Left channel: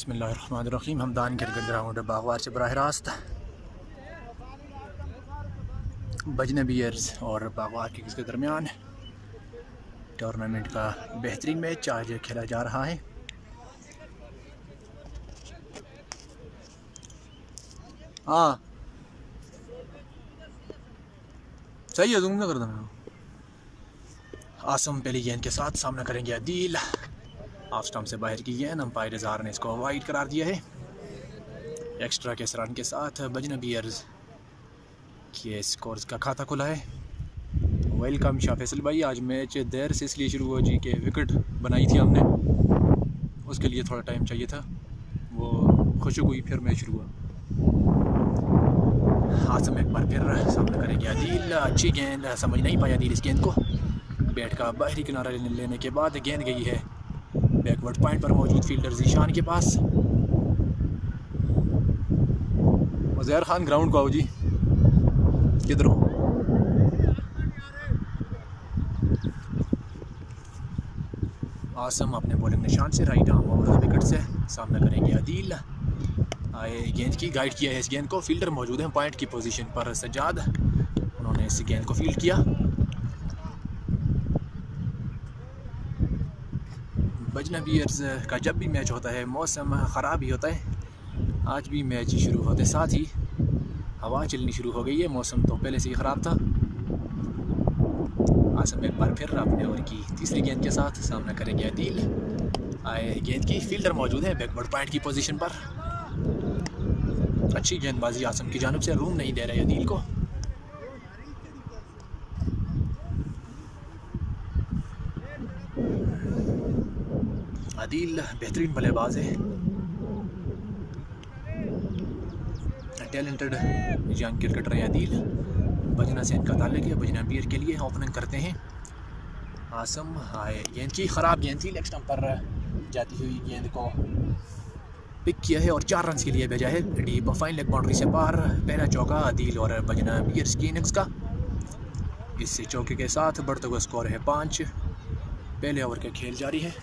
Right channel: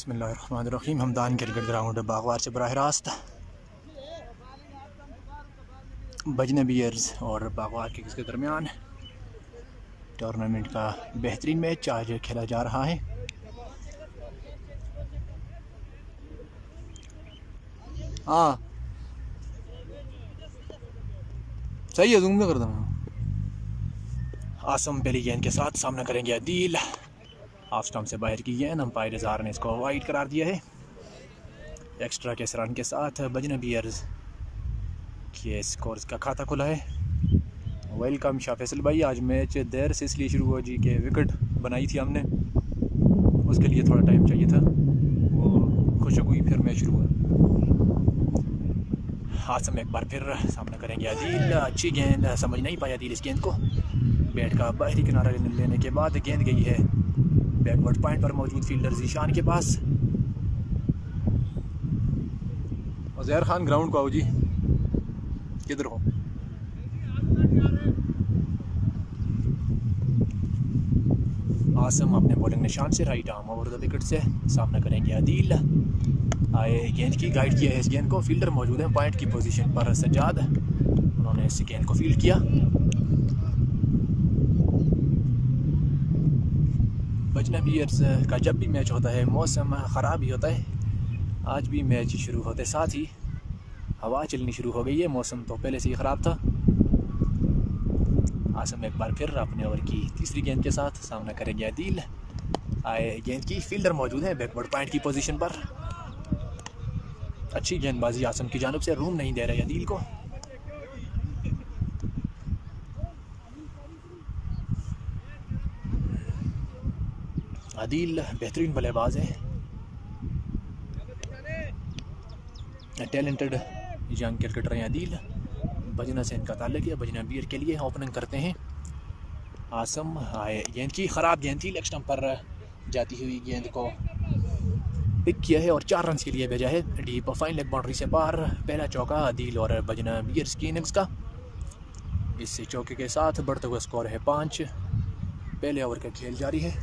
बिस्मिल्लाहिर्रहमानिर्रहीम। Hamdan cricket ground Bagwar से बराह रास्त बजने बियर्स और बागवार किंग्स के दरमियान टूर्नामेंट का बेहतरीन मैच आज खेला जा रहा है। हाँ सही है, जूम में कर देना। आसम पहली गेंद के साथ सामना करेंगे अदील। हाफ स्टंप से बाहर की गेंद, अंपायर इज़हार ने इसको वाइड करार दिया है। एक्स्ट्रा के रन के साथ बजना बियर्स के स्कोर्स का खाता खुला है। वेलकम शाह फैसल भाई। आज मैच देर से इसलिए शुरू हुआ जी के विकेट बनाई थी हमने, उसके लिए थोड़ा टाइम चाहिए था, वो खुशक हुई, फिर मैच शुरू हुआ। आसम एक बार फिर सामना करेंगे अदील। अच्छी गेंद, समझ नहीं पाया अदील इस गेंद को। बैट का बाहरी किनारा लेने के बाद गेंद गई है बैकवर्ड पॉइंट पर मौजूद फील्डर जीशान के पास। उज़ैर खान ग्राउंड को आओ जी, किधर हो? आसम अपने बॉलिंग निशान से right arm over the wicket से सामना करेंगे अदील। आए गेंद की गाइड किया है इस गेंद को, फील्डर मौजूद है पॉइंट की पोजीशन पर, सज्जाद, उन्होंने इस गेंद को फील्ड किया। बजना बियर्स का जब भी मैच होता है मौसम ख़राब ही होता है। आज भी मैच शुरू होते साथ ही हवा चलनी शुरू हो गई है, मौसम तो पहले से ही ख़राब था। आसम एक बार फिर अपने ओवर की तीसरी गेंद के साथ सामना करेंगे अदील। आए गेंद की, फील्डर मौजूद है बैकवर्ड पॉइंट की पोजीशन पर। अच्छी गेंदबाजी आसम की जानिब से, रूम नहीं दे रहे अदील को। अदील बेहतरीन बल्लेबाज है, टैलेंटेड यंग क्रिकेटर हैं अदील। बजना से इनका ताल्लुक है, बजना बियर के लिए ओपनिंग करते हैं। आसम आए गेंद की, ख़राब गेंद थी, लेग स्टंप पर जाती हुई गेंद को पिक किया है और 4 रन के लिए भेजा है डीप फाइन लेग बाउंड्री से बाहर। पहला चौका अदील और बजना बियर्स की इनिंग्स का। इस चौके के साथ बढ़ते हुए स्कोर है 5। पहले ओवर का खेल जारी है।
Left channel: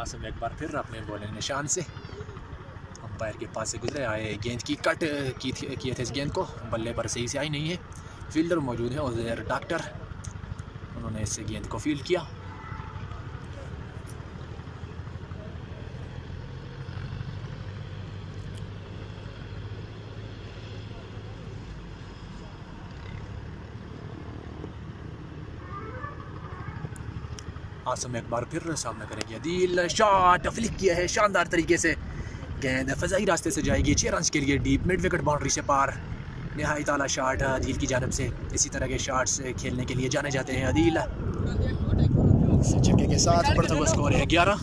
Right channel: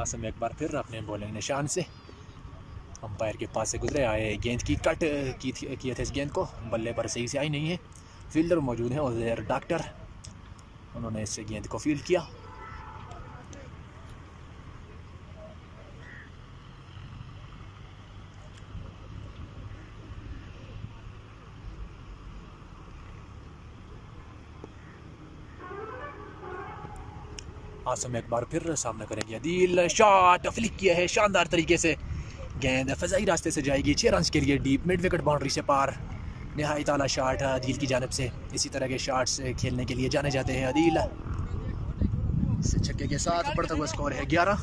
आसम एक बार फिर अपने बॉलिंग निशान से अंपायर के पास से गुजरे। आए गेंद की कट किए थे इस गेंद को, बल्ले पर सही से आई नहीं है। फील्डर मौजूद है उज़ैर डॉक्टर, उन्होंने इस गेंद को फील्ड किया। आसम एक बार फिर सामना करेंगे अदील। शॉट फ्लिक किया है शानदार तरीके से, गेंद फजाई रास्ते से जाएगी 6 रन के लिए डीप मिड विकेट बाउंड्री से पार। नहायत आला शॉट अदील की जानिब से। इसी तरह के शॉट्स खेलने के लिए जाने जाते हैं अदील। इस छक्के के साथ बढ़ता हुआ स्कोर है 11।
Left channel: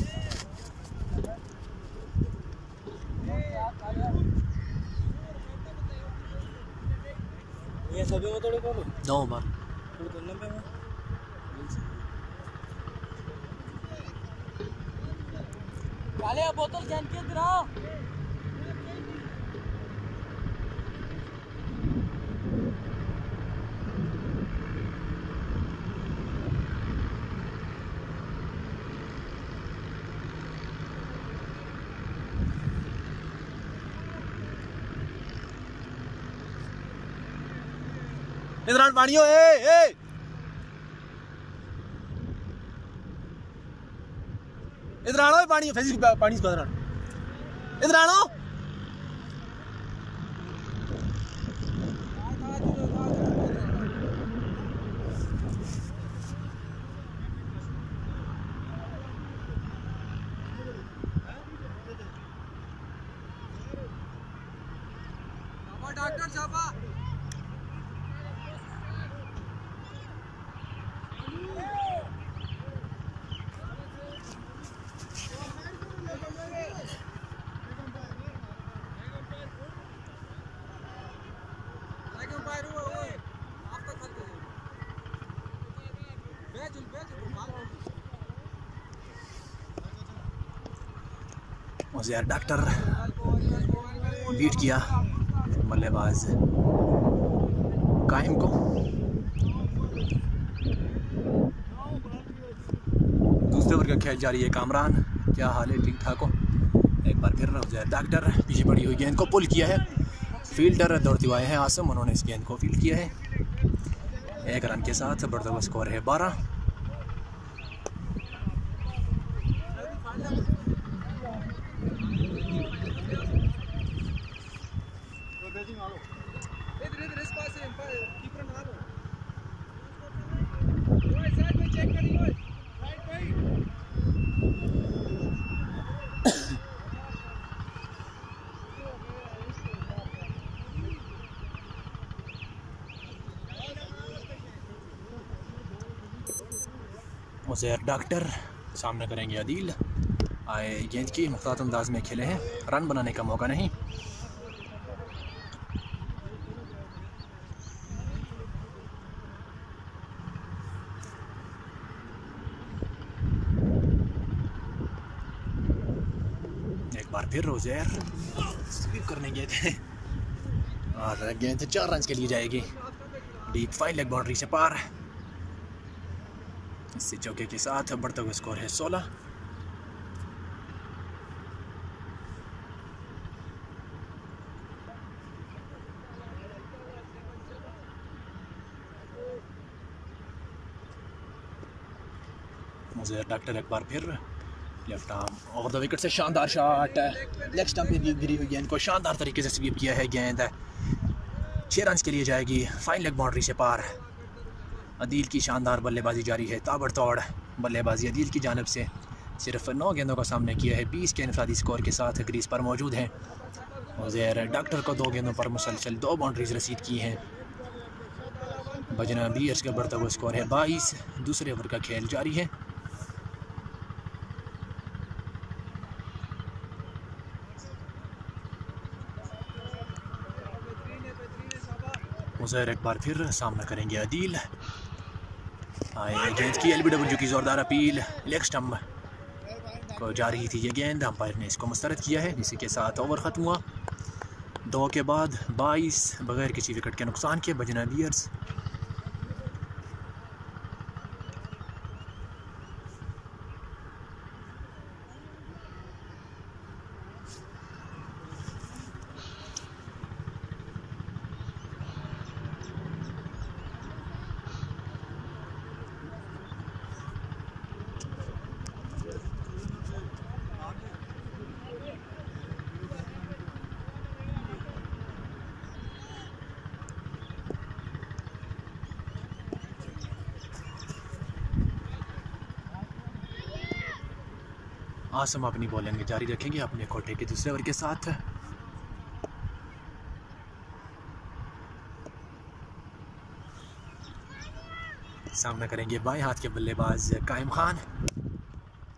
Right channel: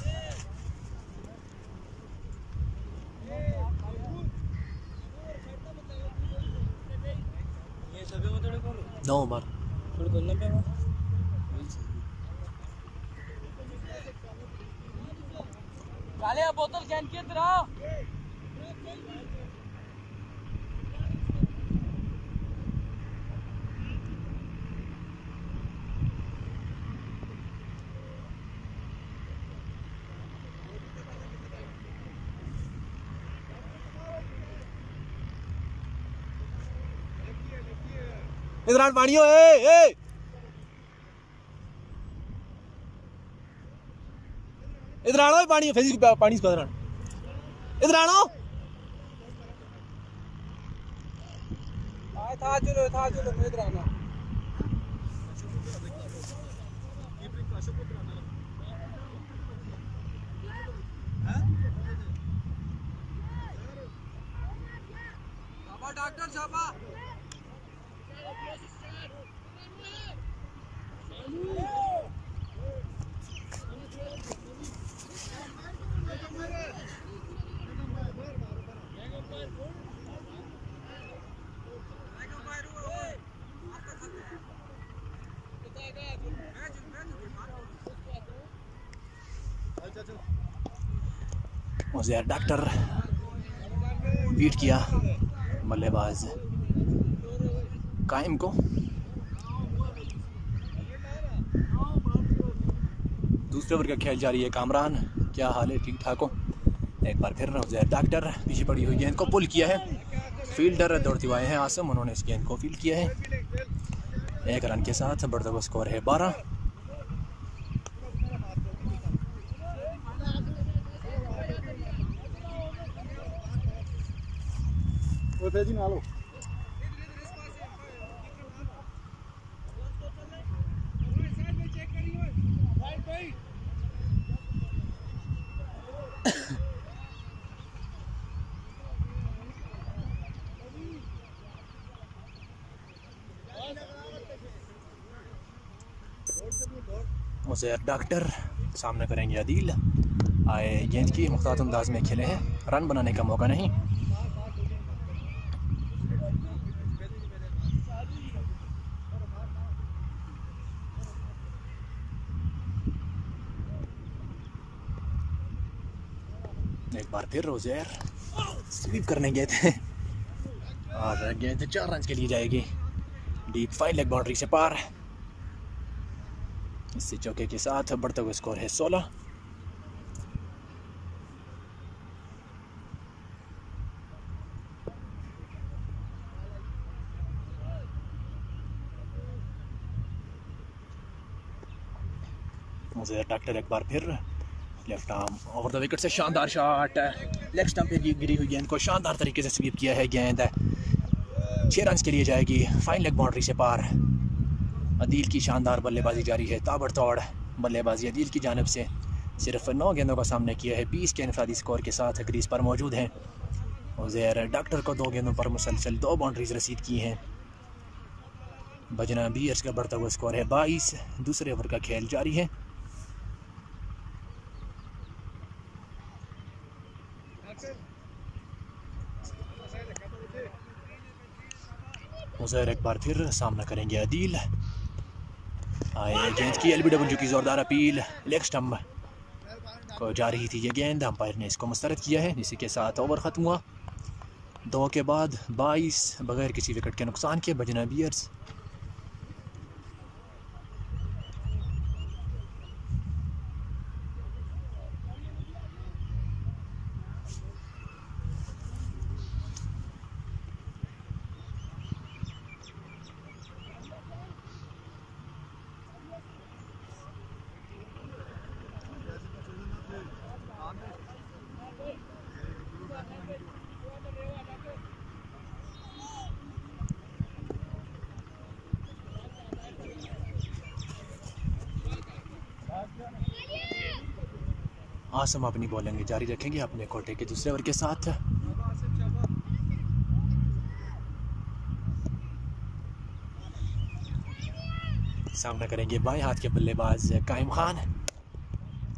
नौ ओवर। काले बोतल गेंद के इधर आओ। इधर पानी हो, ए इधर आना, पानी पानी इसको इधर आना। डॉक्टर साहब आप तो उज़ैर डॉक्टर बीट किया बल्लेबाज कायम को। दूसरे ओवर का खेल जारी है। कामरान, क्या हाल है? ठीक ठाक हो? एक बार फिर उज़ैर डॉक्टर पीछे पड़ी हुई गेंद को पुल किया है। फील्डर दौड़ते हुए आए हैं आसम, उन्होंने इस गेंद को फील्ड किया है। 1 रन के साथ बढ़ता हुआ स्कोर है 12। उज़ैर डॉक्टर सामना करेंगे अदील। आए गेंद की मुख्तार अंदाज में खेले हैं, रन बनाने का मौका नहीं। एक बार फिर उज़ैर स्वीप करने गए थे और गेंद 4 रन के लिए जाएगी। डीप फाइन लेग बाउंड्री से पार। इससे चौके के साथ बढ़ता हुआ स्कोर है 16। उज़ैर डॉक्टर एक बार फिर left arm over the wicket से शानदार शॉट। लेग स्टंप पे गिरी हुई गेंद को शानदार तरीके से स्वीप किया है। गेंद 6 रन के लिए जाएगी, फाइन लेग बाउंड्री से पार। अदील की शानदार बल्लेबाजी जारी है। ताबड़तोड़ बल्लेबाजी अदील की जानिब से। सिर्फ 9 गेंदों का सामना किया है, 20 के इनफरादी स्कोर के साथ क्रीज पर मौजूद हैं। उज़ैर डॉक्टर को 2 गेंदों पर मुसलसल 2 बाउंड्रीज रसीद की हैं। बजना बीयर्स का बढ़ता हुआ स्कोर है 22। दूसरे ओवर का खेल जारी है। उज़ैर एक बार फिर सामना करेंगे अदील। आए गेंद की LBW की ज़ोरदार अपील। लेग स्टंप को जा रही थी ये गेंद, अंपायर ने इसको मुस्तरद किया है। इसी के साथ ओवर ख़त्म हुआ। 2 के बाद 22 बगैर किसी विकेट के नुकसान के बजना बीयर्स आसम अपनी बॉलिंग जारी रखेंगे अपने कोटे के दूसरे ओवर के साथ। सामना करेंगे बाएं हाथ के बल्लेबाज कायम खान।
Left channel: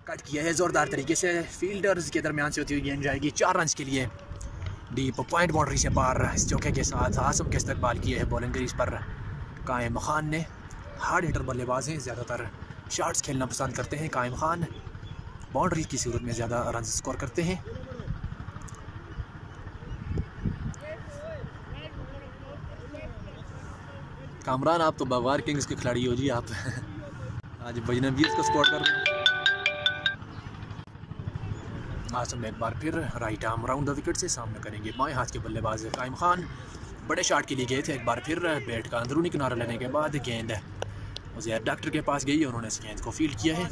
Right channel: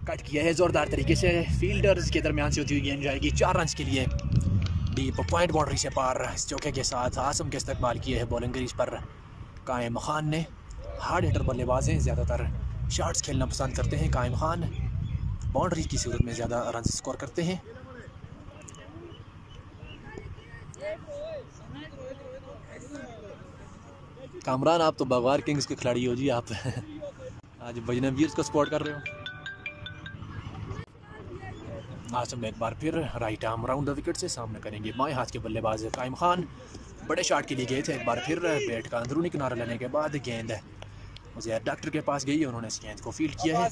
कट किया है जोरदार तरीके से, फील्डर्स के दरमियान से होती हुई गेंद जाएगी 4 रन के लिए। डीप पॉइंट बाउंड्री से पार। इस चौके के साथ आसम के इस्तकबाल किए है बॉलिंग क्रीज पर कायम खान ने। हार्ड हिटर बल्लेबाज हैं, ज़्यादातर शॉट्स खेलना पसंद करते हैं। कायम खान बाउंड्री की सूरत में ज़्यादा रन स्कोर करते हैं। कामरान, आप तो बागवार किंग्स के खिलाड़ी हो जी आप। आज बजना बीयर्स को सपोर्ट कर रहे हो। आसम एक बार फिर right arm round the wicket से सामना करेंगे बाएं हाथ के बल्लेबाज कायम खान। बड़े शॉट के लिए गए थे। एक बार फिर बैट का अंदरूनी किनारा लेने के बाद गेंद उज़ैर डॉक्टर के पास गई। उन्होंने इस गेंद को फील्ड किया है।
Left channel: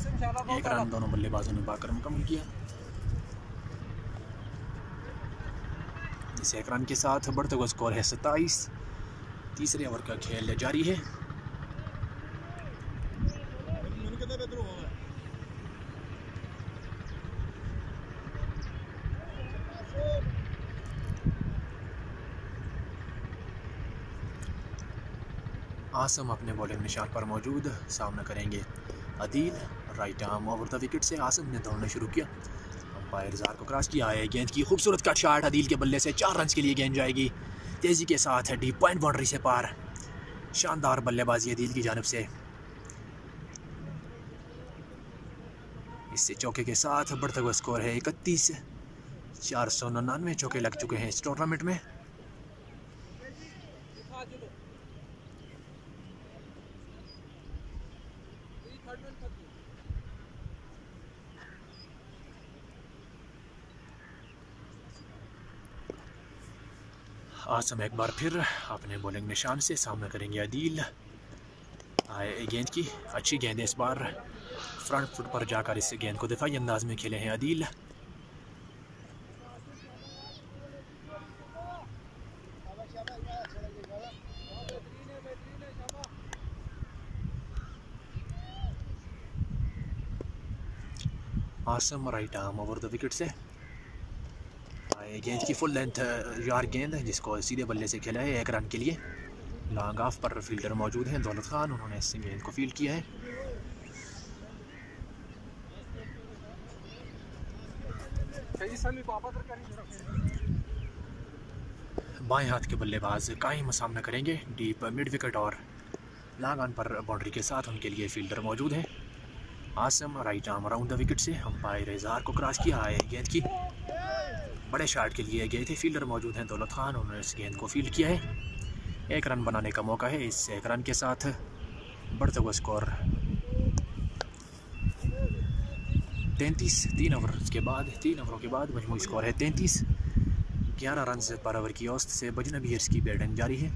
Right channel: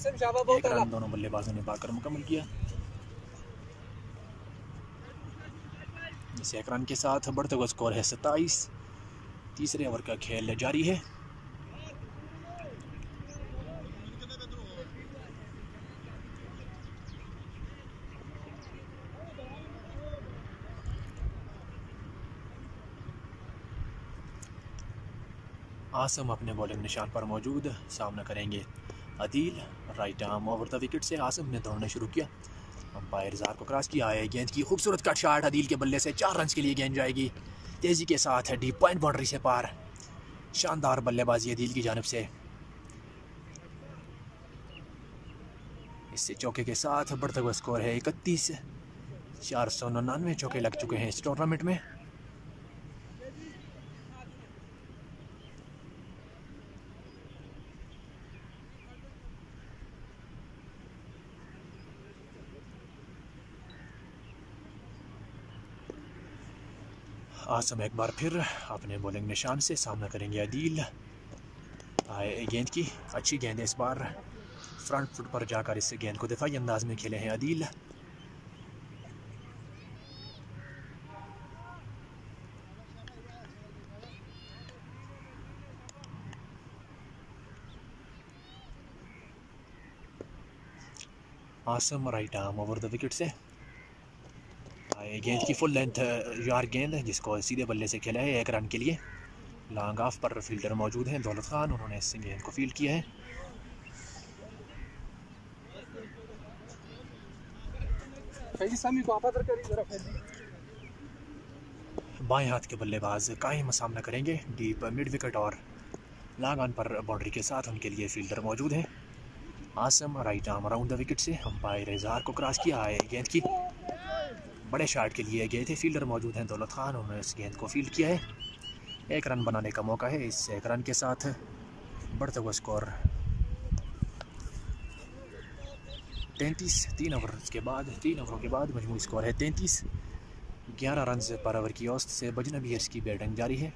1 रन दोनों बल्लेबाजों ने पाकर मुकम्मल किया। इस 1 रन के साथ बढ़ते हुए स्कोर है 27। तीसरे ओवर का खेल जारी है। आसम अपने बॉलिंग निशान पर मौजूद। सामना करेंगे Adeel. Right arm over the wicket से आसम ने दौड़ना शुरू किया। अंपायर जार को क्रॉस किया है। गेंद की खूबसूरत कट शॉट अदील के बल्ले से 4 रन के लिए गेंद जाएगी तेज़ी के साथ डीप पॉइंट बाउंड्री से पार। शानदार बल्लेबाजी अदील की जानिब से। इससे चौके के साथ बढ़ता हुआ स्कोर है 31। 499 चौके लग चुके हैं इस टूर्नामेंट में। आसम एक बार फिर अपने बॉलिंग निशान से सामना करेंगे आदिल। गेंद की अच्छी गेंद है, इस बार फ्रंट फुट पर जाकर इस गेंद को दिफाई अंदाज में खेले हैं Adil. Asam right arm over the wicket से। गेंद की फुल लेंथ यार गेंद जिसको सीधे बल्ले से खेला है 1 रन के लिए। लॉन्ग ऑफ पर फील्डर मौजूद हैं दौलत खान, उन्होंने इस गेंद को फील्ड किया है। बाएं हाथ के बल्लेबाज कायम सामना करेंगे डीप मिड विकेट और लॉन्ग ऑन पर बाउंड्री के साथ उनके लिए फील्डर मौजूद हैं। Asam right arm around the wicket से अंपायर इजहार को क्रॉस किया है। गेंद की बड़े शॉट के लिए गए थे, फील्डर मौजूद हैं दौलत खान, उन्होंने इस गेंद को फील्ड किया है। 1 रन बनाने का मौका है, इस 1 रन के साथ बढ़ता हुआ स्कोर 33। 3 ओवरों के बाद मजमूई स्कोर है 33। 11 रन पर ओवर की औसत से बजनबीयर्स की बैटिंग जारी है।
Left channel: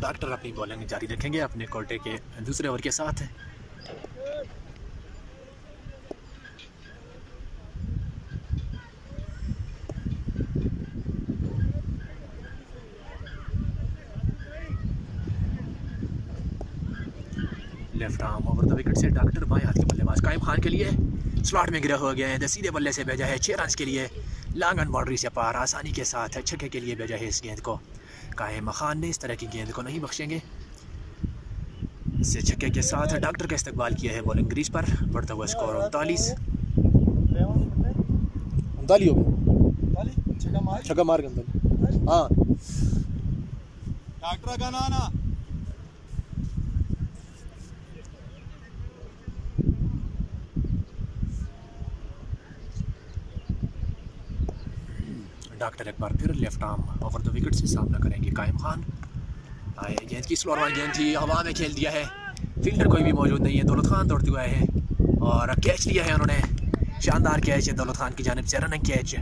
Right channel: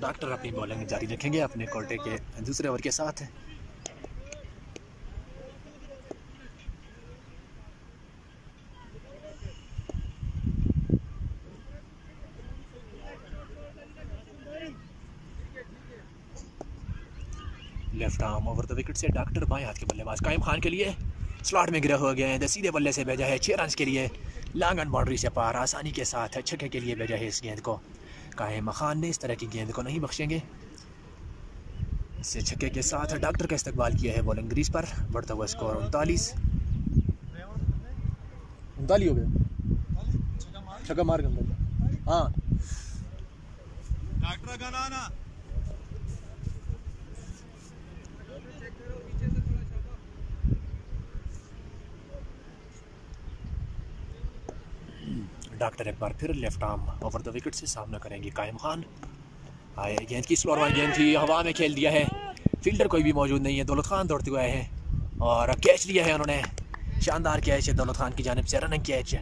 डॉक्टर अपनी बॉलिंग जारी रखेंगे अपने कोटे के दूसरे ओवर के साथ। Left arm over the wicket से डॉक्टर बाएं हाथ के बल्लेबाज कायम खान के लिए स्लॉट में गिरा हो गया है, सीधे बल्ले से भेजा है 6 रन के लिए। लॉन्ग ऑन बाउंड्री से पार आसानी के साथ छक्के के लिए भेजा है इस गेंद को। कायम खान ने इस तरह की गेंद को नहीं बख्शेंगे। इसे छक्के के साथ डॉक्टर का इस्तकबाल किया है बॉलिंग क्रीज पर। बढ़ता हुआ स्कोर 39 हो गया। छक्का मार हाँ डॉक्टर का ना डॉक्टर एक बार फिर left arm over the wicket से सामना करेंगे कायम खान। गेंद की स्लोअर वाली गेंद थी, हवा में खेल दिया है, फील्डर कोई भी मौजूद नहीं है। दौलत खान दौड़ते हुए आए हैं और कैच लिया है उन्होंने। शानदार कैच है दौलत खान की जानिब से, रनिंग कैच।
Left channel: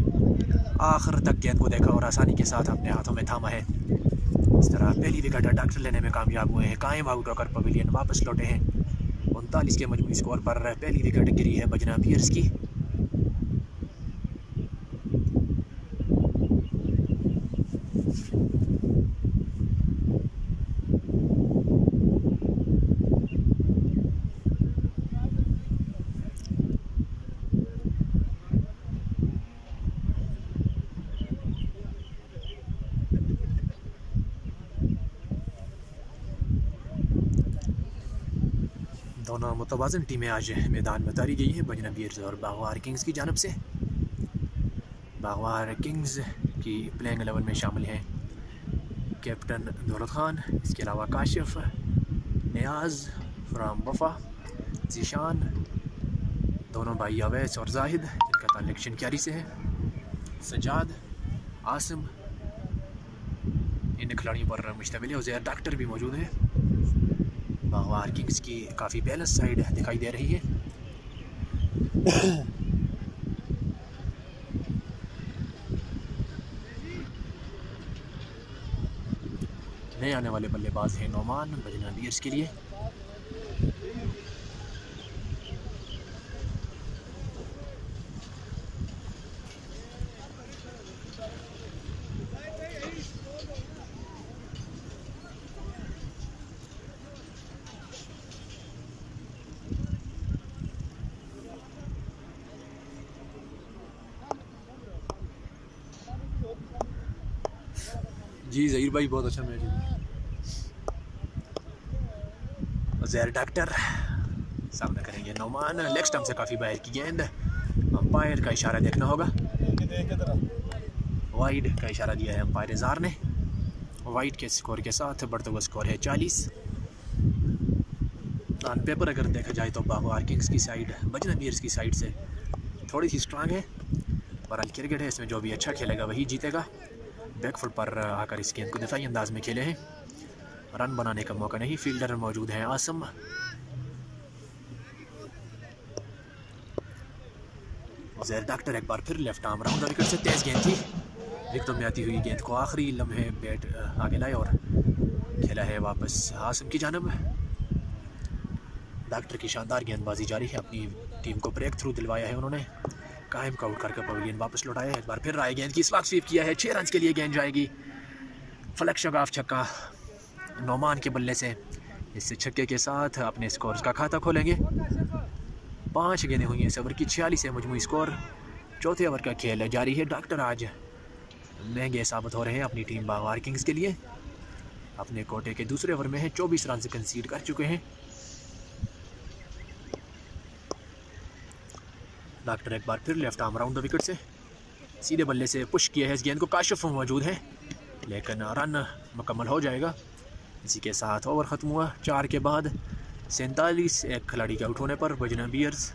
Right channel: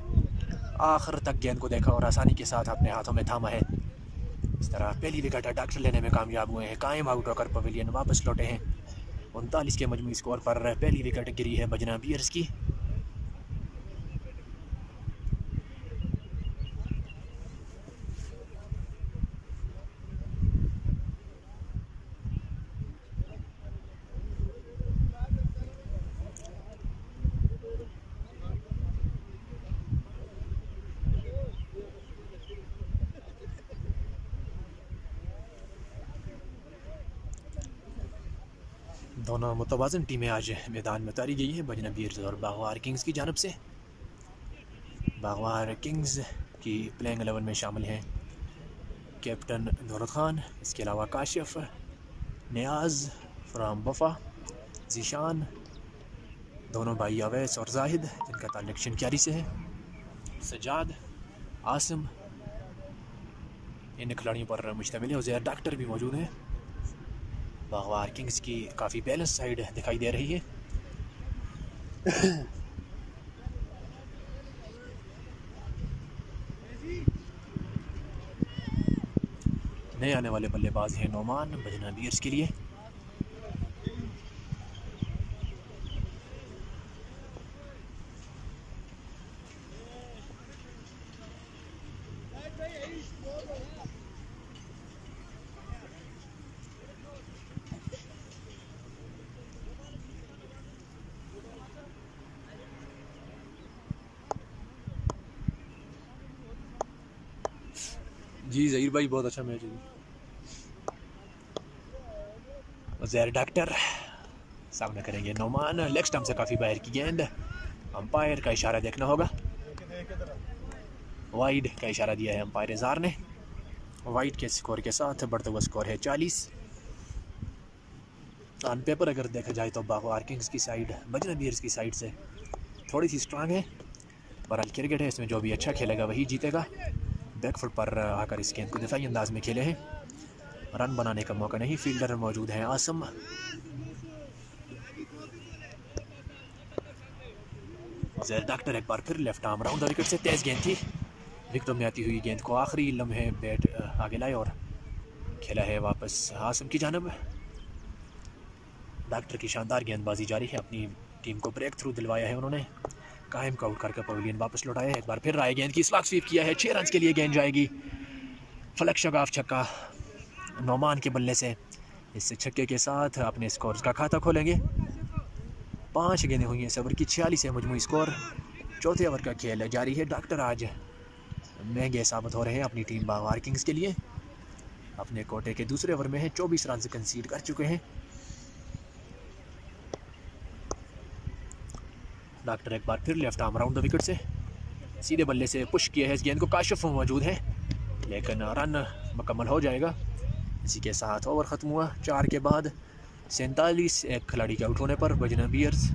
आखिर तक गेंद को देखा और आसानी के साथ अपने हाथों में थामा है। इस तरह पहली विकेट डॉक्टर लेने में कामयाब हुए हैं। कायम आउट होकर पवेलियन वापस लौटे हैं। 39 के मजमूई स्कोर पर पहली विकेट गिरी है बजनबीयर्स की। दोनों मुतवाज़न टीमें आज मैदान में उतारी गई हैं, बजनबीयर्स और बागवार किंग्स की जानब से। बागवार किंग्स की प्लेइंग 11 में शामिल हैं कैप्टन दौलत खान, इसके अलावा काशिफ, नियाज़ फ्राम बफा, जीशान, दोनों भाई अवैस और जाहिद जिनका ताल्लुक शिनक्यारी से है, सजाद, आसिम, इन खिलाड़ियों पर मुश्तमिल है। उज़ैर डॉक्टर भी मौजूद हैं। बागवार किंग्स की काफ़ी बैलेंस साइड दिखाई दे रही है। नए आने वाले बल्लेबाज हैं नोमान बजनबीयर्स के लिए। जी ज़हीर भाई बहुत अच्छा मैच है। ज़हर डॉक्टर सामने करेंगे नोमान, लेग स्टंप से काफ़ी बाहर की गेंद, अंपायर का इशारा देखना होगा। वाइड का इशारा दिया है अंपायर इज़हार ने। वाइड के स्कोर के साथ बढ़ता हुआ स्कोर है 40। ऑन पेपर अगर देखा जाए तो बागवार किंग्स की साइड बजना बीयर्स की साइड से थोड़ी सी स्ट्रांग है। बहरहाल क्रिकेट है, इसमें जो भी अच्छा खेलेगा वही जीतेगा। बैकफुट पर आकर इस गेंद को दिफाई अंदाज में खेले हैं, रन बनाने का मौका नहीं। फील्डर मौजूद हैं आसम। ज़हर डॉक्टर एक बार फिर लेफ्ट आर्म राउंड विकेट से तेज गेंद थी, विकेटों में आती हुई गेंद को आखिरी लम्हे बैट आगे लाए और खेला है वापस आसम की जानब। डॉक्टर की शानदार गेंदबाजी जारी है, अपनी टीम को ब्रेक थ्रू दिलवाया है उन्होंने। कायम का आउट करके पवेलियन वापस लौटाया है। एक बार फिर राय गेंद की स्लॉग स्वीप किया है, 6 रन के लिए गेंद जाएगी। फलक शगाफ छक्का नोमान के बल्ले से, इस छक्के के साथ अपने स्कोर का खाता खोलेंगे। 5 गेंदें हुई हैं इस ओवर की, 46 है मजमूई स्कोर। चौथे ओवर का खेल जारी है। डॉक्टर आज महंगे साबित हो रहे हैं अपनी टीम बागवार किंग्स के लिए। अपने कोटे के दूसरे ओवर में है, 24 रन से कंसीड कर चुके हैं। डॉक्टर एक बार फिर left arm round the wicket से सीधे बल्ले से पुश किया है इस गेंद को। काशिफ मौजूद है लेकिन रन मुकम्मल हो जाएगा। इसी के साथ ओवर ख़त्म हुआ। 4 के बाद 47 एक खिलाड़ी के आउट होने पर बजना बीयर्स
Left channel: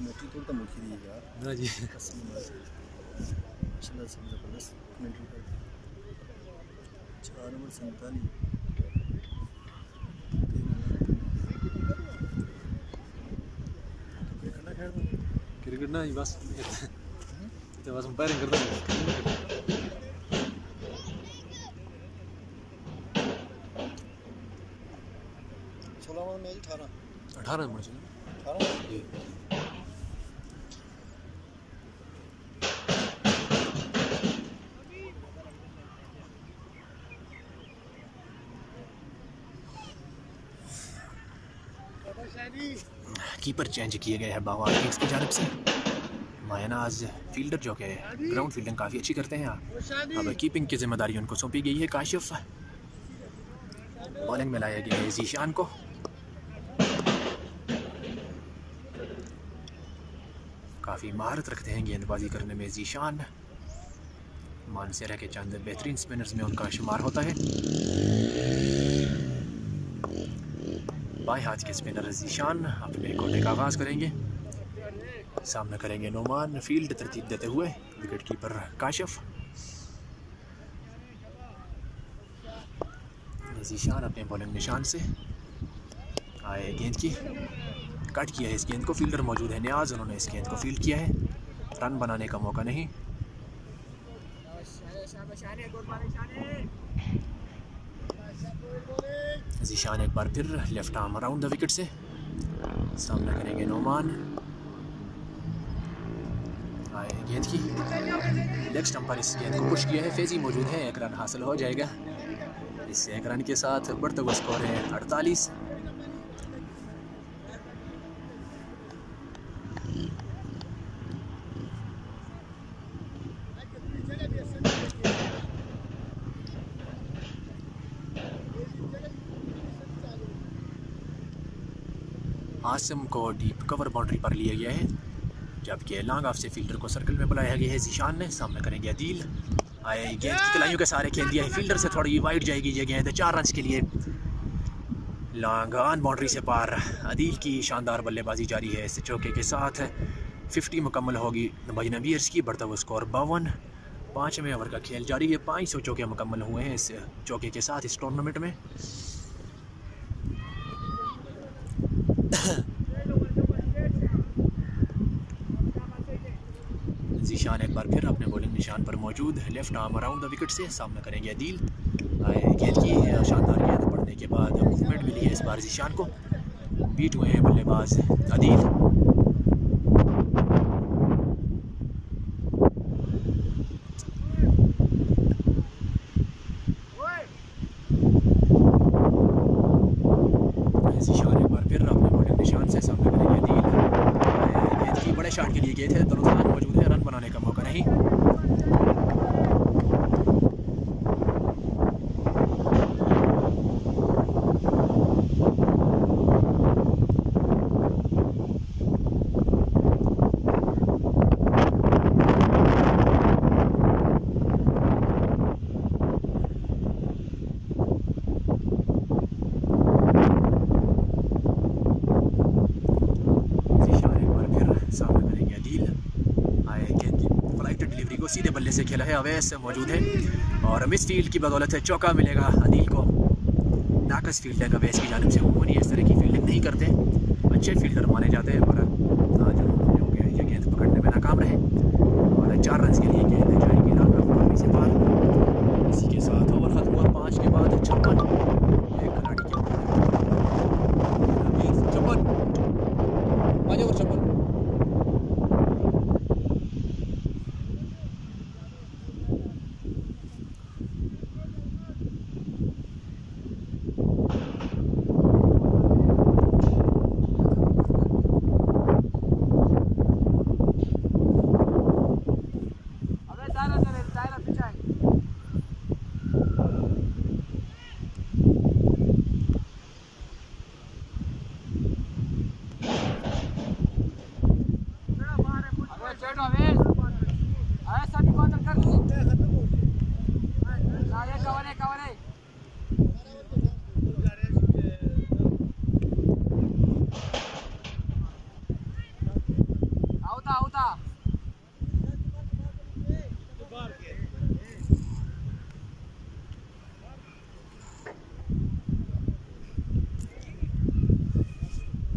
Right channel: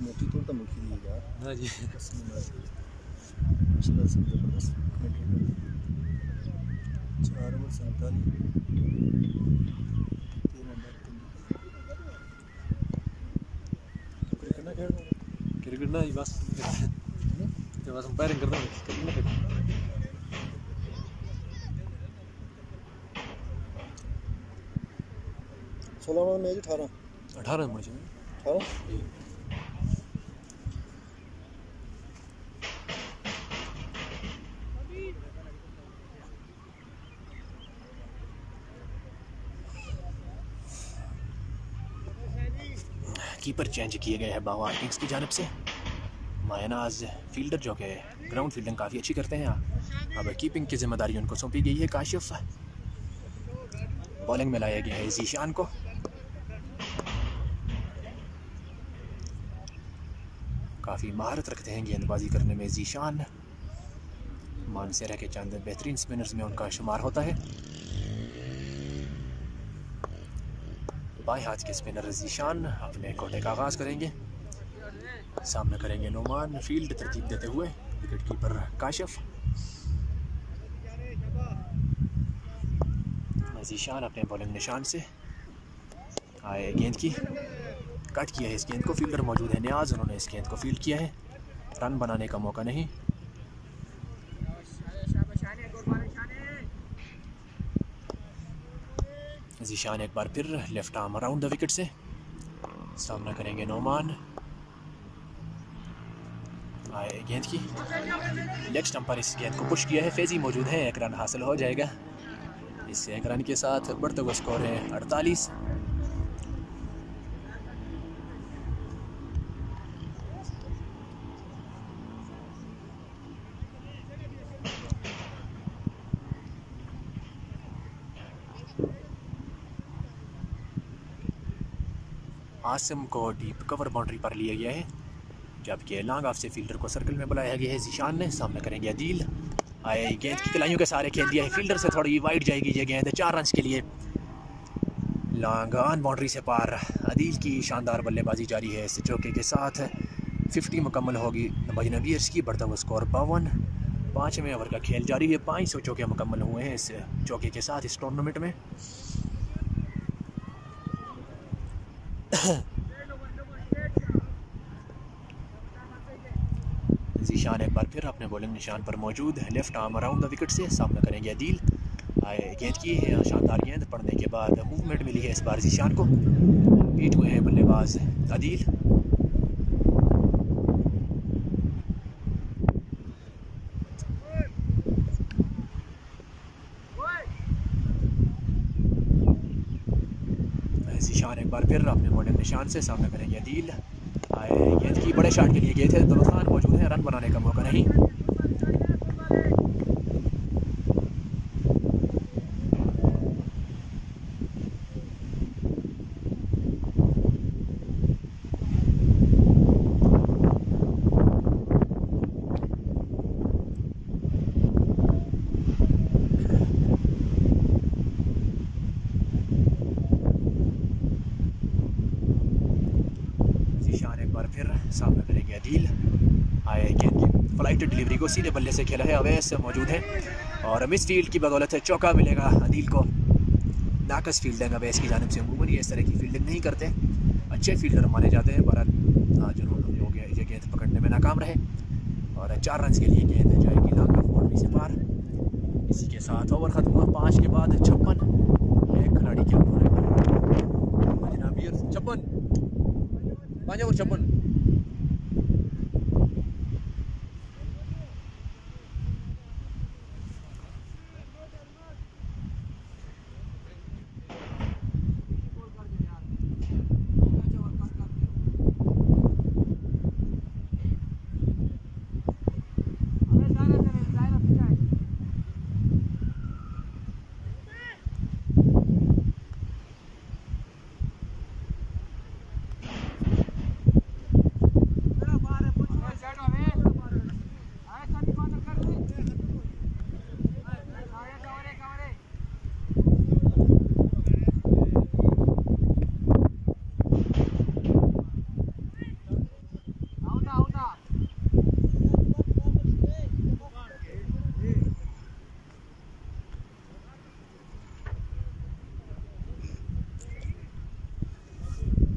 कमेटी तो मुखी दी यार ना जी। माशाल्लाह सब जबरदस्त कमेंट्री 4 ओवर 47 क्रिकेट ना ही बस तो बस अंपायरिंग करते हैं, क्रिकेट ना करते हैं। 16 ओवर मैच 18 18 रन चाहिए 18 जी। कीपर चेंज किए गए हैं बागवार किंग्स की जानिब से। मायनाज फील्डर जो कि ग्राउंड फील्डिंग काफ़ी अच्छी करते हैं, अब कीपिंग की जिम्मेदारी उनको सौंपी गई है। काशिफ बॉलिंग में लाया गया है जीशान को। काफ़ी महारत रखते हैं गेंदबाजी करने में जीशान। मानसेरा के चंद बेहतरीन स्पिनर्स में उनका शुमार होता है। बाएं हाथ के स्पिनर जीशान अपने कोटे का आगाज करेंगे। सामने करेंगे नोमान, फील्ड तरतीब देते हुए विकेट कीपर काशिफ। जीशान अपने बॉलिंग निशान से आए गेंद की कट किया है इस गेंद को। फील्डर मौजूद है नियाज, उन्होंने इस गेंद को फील्ड किया है। रन बनाने का मौका नहीं। जीशान एक बार फिर left arm around the wicket से सामना करेंगे नोमान। आए गेंद की लेग स्टंप पर इस गेंद को पुश किया है। फेजी मौजूद है, 1 रन हासिल हो जाएगा। इससे 1 रन के साथ बढ़ता हुआ स्कोर है 48। आसिम को डीप कवर बाउंड्री पर लिया गया है, जबकि लॉन्ग ऑफ से फील्डर को सर्कल में बुलाया गया है। जीशान ने सामना करेंगे अदील। आए गेंद की कलाइयों के सारे खेल दिया है, फील्डर से थोड़ी वाइड जाएगी ये गेंद। 4 रन के लिए लॉन्ग ऑन बाउंड्री से पार। अदील की शानदार बल्लेबाजी जारी है। इस चौके के साथ 50 मुकम्मल होगी बजना बीयर्स की। बढ़ता हुआ स्कोर 52। 5वें ओवर का खेल जारी है। 500 चौके मुकम्मल हुए हैं इस चौके के साथ इस टूर्नामेंट में। जीशान एक बार फिर अपने बॉलिंग निशान पर मौजूद। Left arm around the wicket से सामना करेंगे अदील। आए गेंद की शानदार गेंद पड़ने के बाद मूवमेंट मिली है इस बार जीशान को। बीट हुए हैं बल्लेबाज अदील। निशान एक बार फिर अपने बड़े निशान से सामने करेंगे अदील। गेंद की बड़े शॉट के लिए गए थे, दौलत खान मौजूद है, रन बनाने का मौका नहीं। सामने करेंगे अदील। आए गेंद की फ्लाइट डिलीवरी को सीधे बल्ले से खेला है, अवैस मौजूद है और मिस फील्ड की बदौलत है चौका मिलेगा अदील को। नाकस फील्डिंग अवैस की जानिब से अमूमन इस तरह की फील्डिंग नहीं करते, अच्छे फील्डर माने जाते हैं, पर आज हो गया ये गेंद पकड़ने में नाकाम रहे और 4 रन के लिए गेंद जाएगी नाकाम से पार। इसी के साथ ओवर खत्म हुआ 5 के बाद 56। एक खिलाड़ी के 56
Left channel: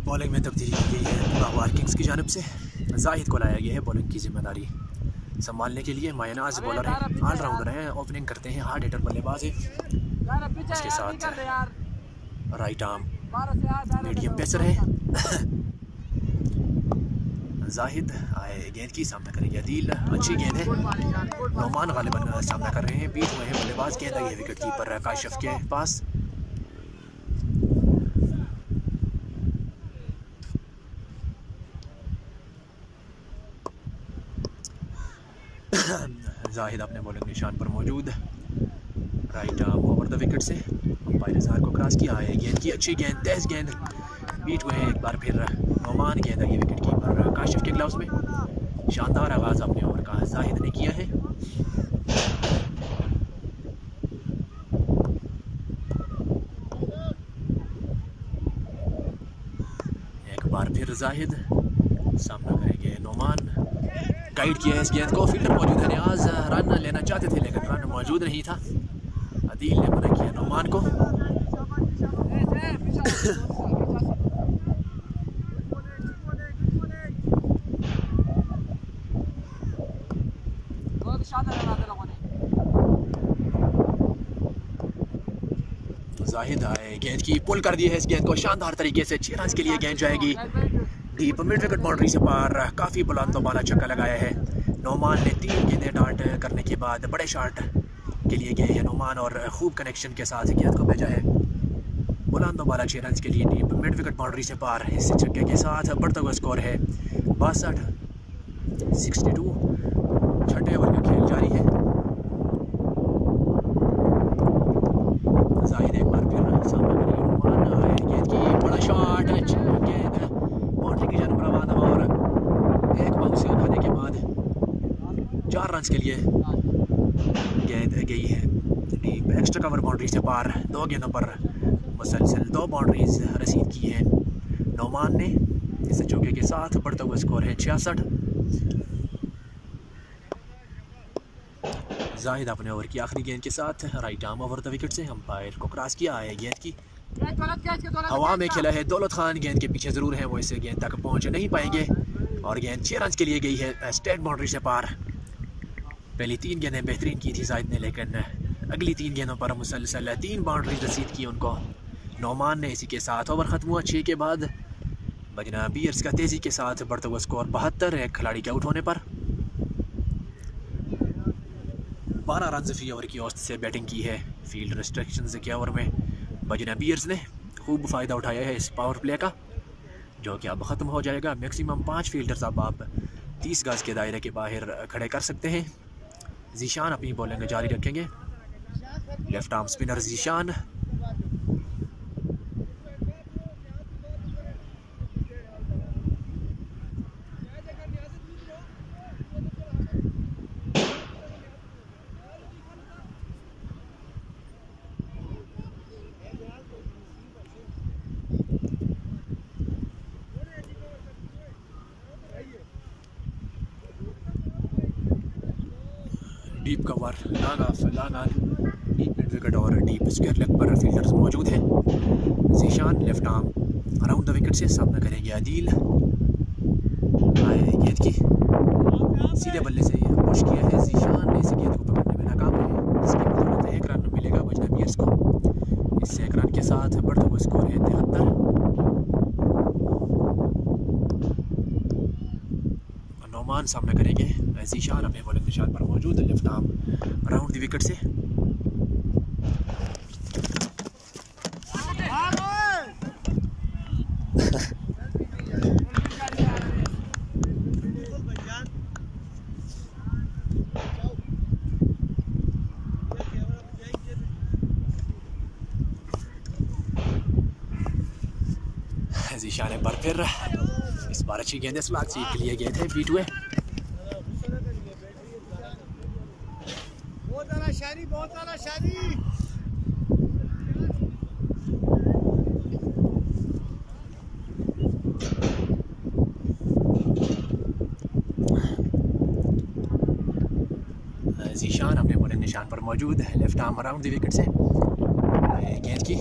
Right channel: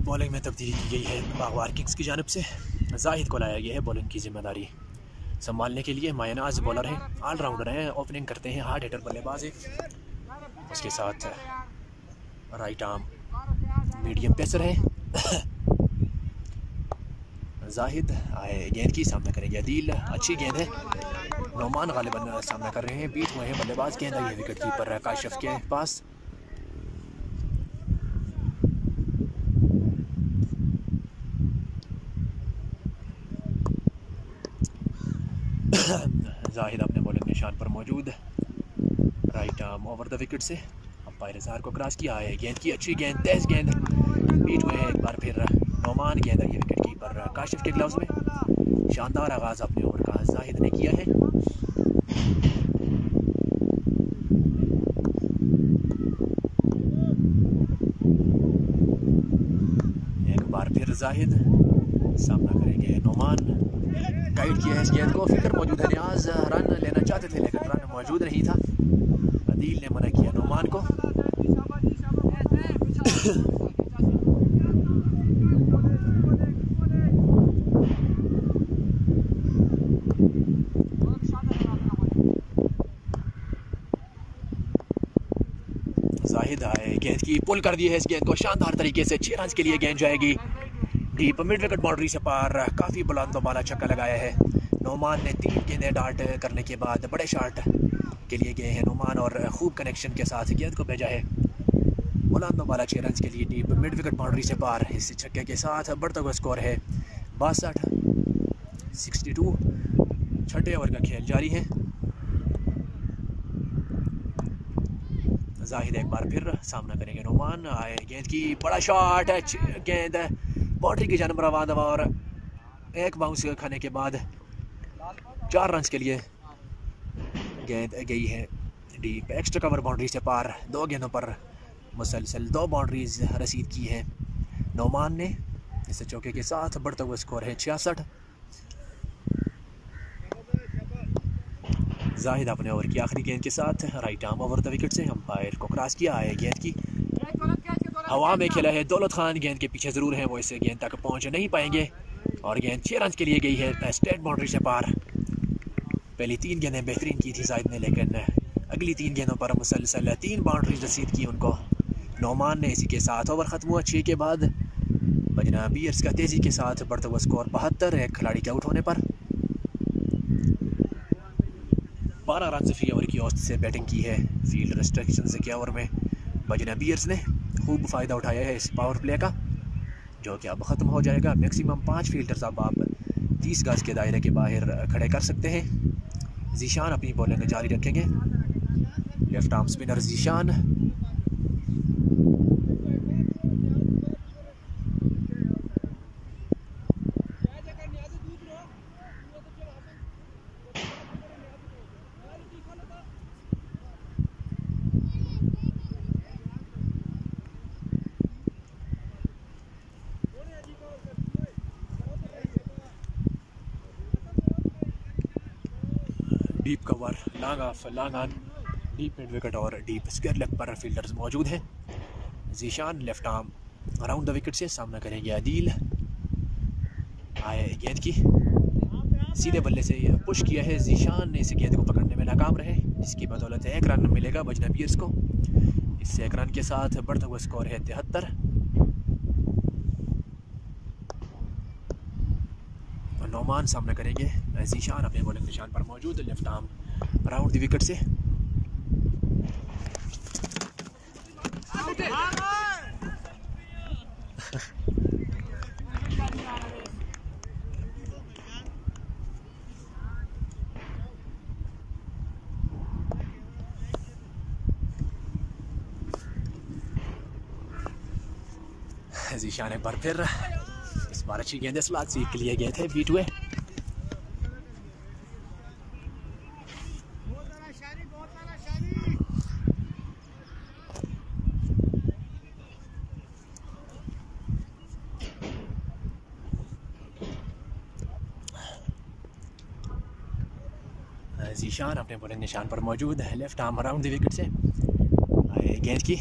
बॉलिंग में तब्दीली की गई है बागवार किंग्स की जानिब से। जाहिद को लाया गया है बॉलिंग की जिम्मेदारी संभालने के लिए। मायनाज बॉलर है, ऑलराउंडर है, ओपनिंग करते हैं, हार्ड हिटर बल्लेबाज है। उसके साथ राइट आर्म मीडियम पेसर है। जाहिद आए गेंद की सामना करेंगे अदील। अच्छी गेंद है, नोमान गालिबन सामना कर रहे हैं, बीट हुए हैं बल्लेबाज। गेंद आई है विकेट कीपर काशिफ के पास। जाहिद अपने बॉलिंग निशान पर मौजूद, right arm over the wicket से अंपायर इजहार को क्रॉस किया है। गेंद की अच्छी गेंद, तेज गेंद, बीट हुए हैं एक बार फिर नोमान। गेंद आई विकेट कीपर काशिफ के ग्लव्स में। शानदार आगाज अपने ओवर का जाहिद ने किया है। एक बार फिर जाहिद सामना करेंगे नोमान। गाइड किया है इस गेंद को, फील्डर मौजूद है नियाज, रन लेना चाहते थे लेकिन रन मौजूद नहीं था। अदील ने मना किया नोमान को। जाहिद आए गेंद की पुल कर दी है इस गेंद को शानदार तरीके से। 6 रन के लिए गेंद जाएगी डीप मिड विकेट बाउंड्री से पार। काफ़ी बुलंद बाला छक्का लगाया है नोमान ने। 3 गेंदें डार्ट करने के बाद बड़े शॉट के लिए गए हैं नोमान और खूब कनेक्शन के साथ गेंद को भेजा है बुलंद बाला। 6 रन के लिए डीप मिड विकेट बाउंड्री से पार। इस छक्के के साथ बढ़ता हुआ स्कोर है 62। छठे ओवर का खेल जारी है। जाहिद एक बार फिर सामना करेंगे नोमान। आए गेंद की बड़ा शॉट, गेंद बाउंड्री की जानब रवाना और एक बाउंस खाने के बाद 4 रन के लिए गेंद गई है डीप एक्स्ट्रा कवर बाउंड्री से पार। 2 गेंदों पर मुसलसल 2 बाउंड्रीज रसीद की हैं नोमान ने। इस चौके के साथ बढ़ता हुआ स्कोर है 66। जाहिद अपने ओवर की आखिरी गेंद के साथ right arm over the wicket से अंपायर को क्रॉस किया है। गेंद की हवा में खेला है दौलत खान, गेंद के पीछे ज़रूर है वो, इस गेंद तक पहुंच नहीं पाएंगे और गेंद 6 रन के लिए गई है स्टेट बाउंड्री से पार। पहली 3 गेंदें बेहतरीन की थी जाहिद ने, लेकिन अगली 3 गेंदों पर मुसलसल 3 बाउंड्री रसीद की उनको नोमान ने। इसी के साथ ओवर ख़त्म हुआ 6 के बाद। बजना बीयर्स का तेज़ी के साथ बढ़ता हुआ स्कोर 72। एक खिलाड़ी के आउट होने पर 12 रन फी ओवर की औसत से बैटिंग की है फील्ड रिस्ट्रिक्शन के ओवर में बजना बीयर्स ने। खूब फ़ायदा उठाया है इस पावर प्ले का, जो कि अब ख़त्म हो जाएगा। मैक्सिमम 5 फील्डर्स अब आप 30 गज के दायरे के बाहर खड़े कर सकते हैं। जीशान अपनी बॉलिंग जारी रखेंगे। Left arm spinner Zeeshan. Deep cover, long off, long on, deep mid wicket और डीप स्क्वायर लेग पर फील्डर्स मौजूद हैं। Zeeshan left arm around the wicket से सामना करेंगे आदिल। आए गेंद की सीधे बल्ले से पुश किया है जीशान ने, इस गेंद को पकड़ने में नाकाम रहे, जिसकी बदौलत 1 रन मिलेगा बजनबीर्स को। इस 1 रन के साथ बढ़ता हुआ स्कोर है 73। नौमान सामना करेंगे। जीशान अपने बॉलिंग निशान पर मौजूद, left arm around the wicket से। जीशान एक बार फिर, इस बार अच्छी गेंद स्लॉट से के लिए गए थे, बीट हुए। जीशान अपने बॉलिंग निशान पर मौजूद है, left arm around the wicket से। गेंद की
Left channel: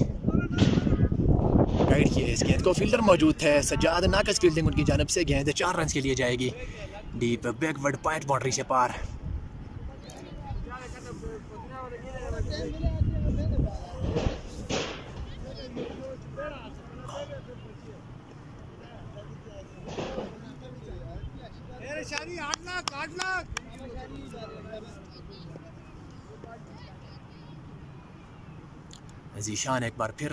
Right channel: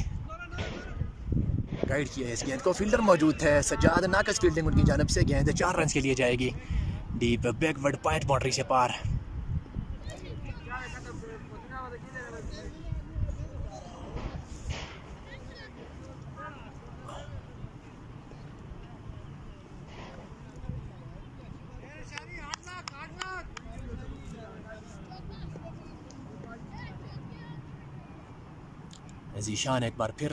राइट किया इस गेंद को, फील्डर मौजूद थे सज्जाद, नाकस फील्डिंग उनकी जानब से। गेंद 4 रन के लिए जाएगी, डीप बैकवर्ड पॉइंट बाउंड्री से पार। जीशान एक बार फिर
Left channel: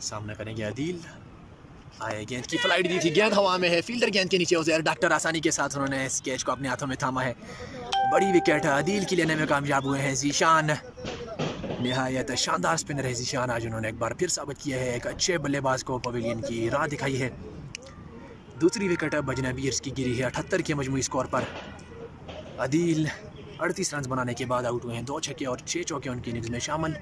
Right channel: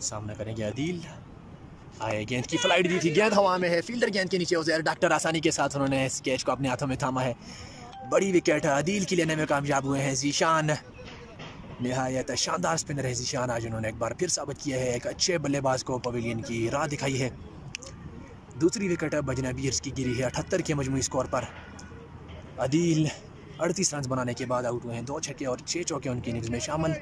सामना करेंगे आदिल। आए गेंद की फ्लाइट दी थी, गेंद हवा में है, फील्डर गेंद के नीचे उज़ैर डॉक्टर आसानी के साथ उन्होंने इस कैच को अपने हाथों में थामा है। बड़ी विकेट आदिल की लेने में कामयाब हुए हैं जीशान। निहायत शानदार स्पिनर है जीशान, आज उन्होंने एक बार फिर साबित किया है एक अच्छे बल्लेबाज को पवेलियन की राह दिखाई है। दूसरी विकेट बजनबीर्स की गिरी है 78 के मजमूई स्कोर पर। आदिल 38 रन बनाने के बाद आउट हुए हैं, 2 छक्के और 6 चौके उनकी इनिंग्स में शामिल।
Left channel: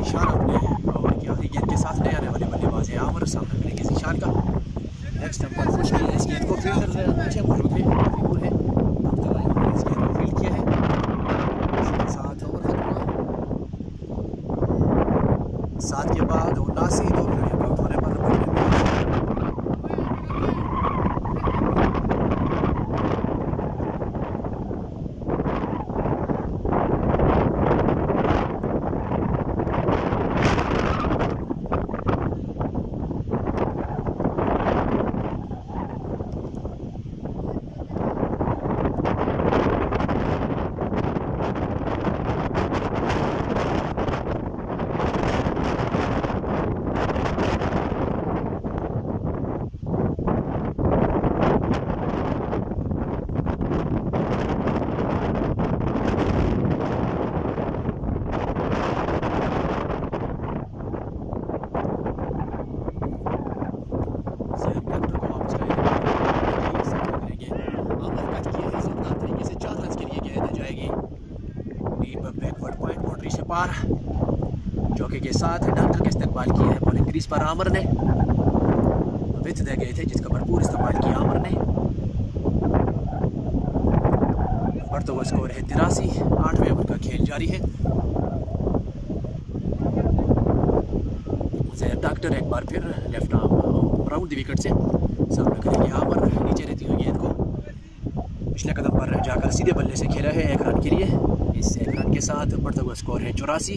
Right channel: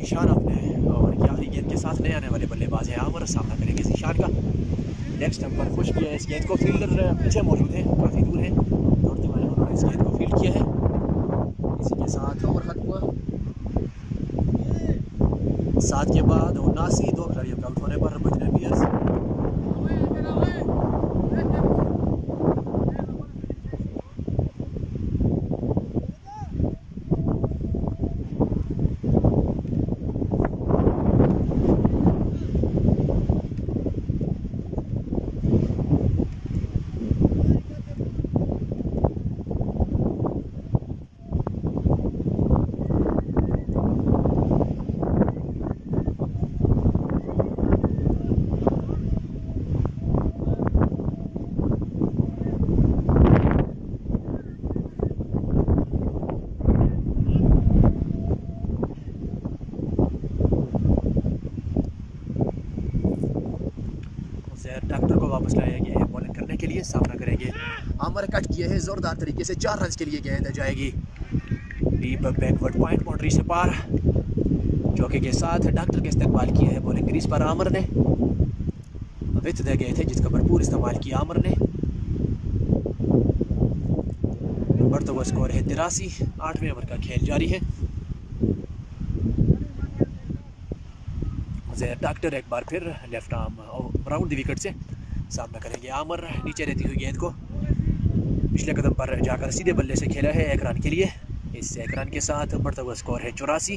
जीशान अपने और यारी गेंद के साथ नए आने वाले बल्लेबाज हैं आमर, सामना करेंगे जीशान का। नेक्स्ट हम पर पुश किया है इस गेंद को, फील्डर पीछे मौजूद है, काफ़ी दूर है, दूर तक आए हमने इस गेंद को फील्ड किया है। इसके साथ ओवर खत्म हुआ। 7 के बाद 79 2 खिलाड़ियों का आउट होने पर बजरंग डॉक्टर को वापस लाने के लिए सामना करेंगे। आमर कट किए हैं जोरदार तरीके से, 4 रन के लिए गेंद जाएगी डीप बैकवर्ड पॉइंट बाउंड्री से पार। चौके के साथ डॉक्टर के इस्तेमाल किया है बॉलिंग क्रीज पर आमर ने, विथ दे गए थे जिसका भरपूर इस्तेमाल किया आमर ने। बढ़ता हुआ स्कोर है 83। 8वें ओवर का खेल जारी है। डॉक्टर एक बार फिर left arm round the wicket से सामना करेंगे। आमर नीचे रहती हुई गेंद को पिछले कदम पर जाकर सीधे बल्ले से खेला है 1 रन के लिए। इस 1 रन के साथ बढ़ता हुआ स्कोर है 84।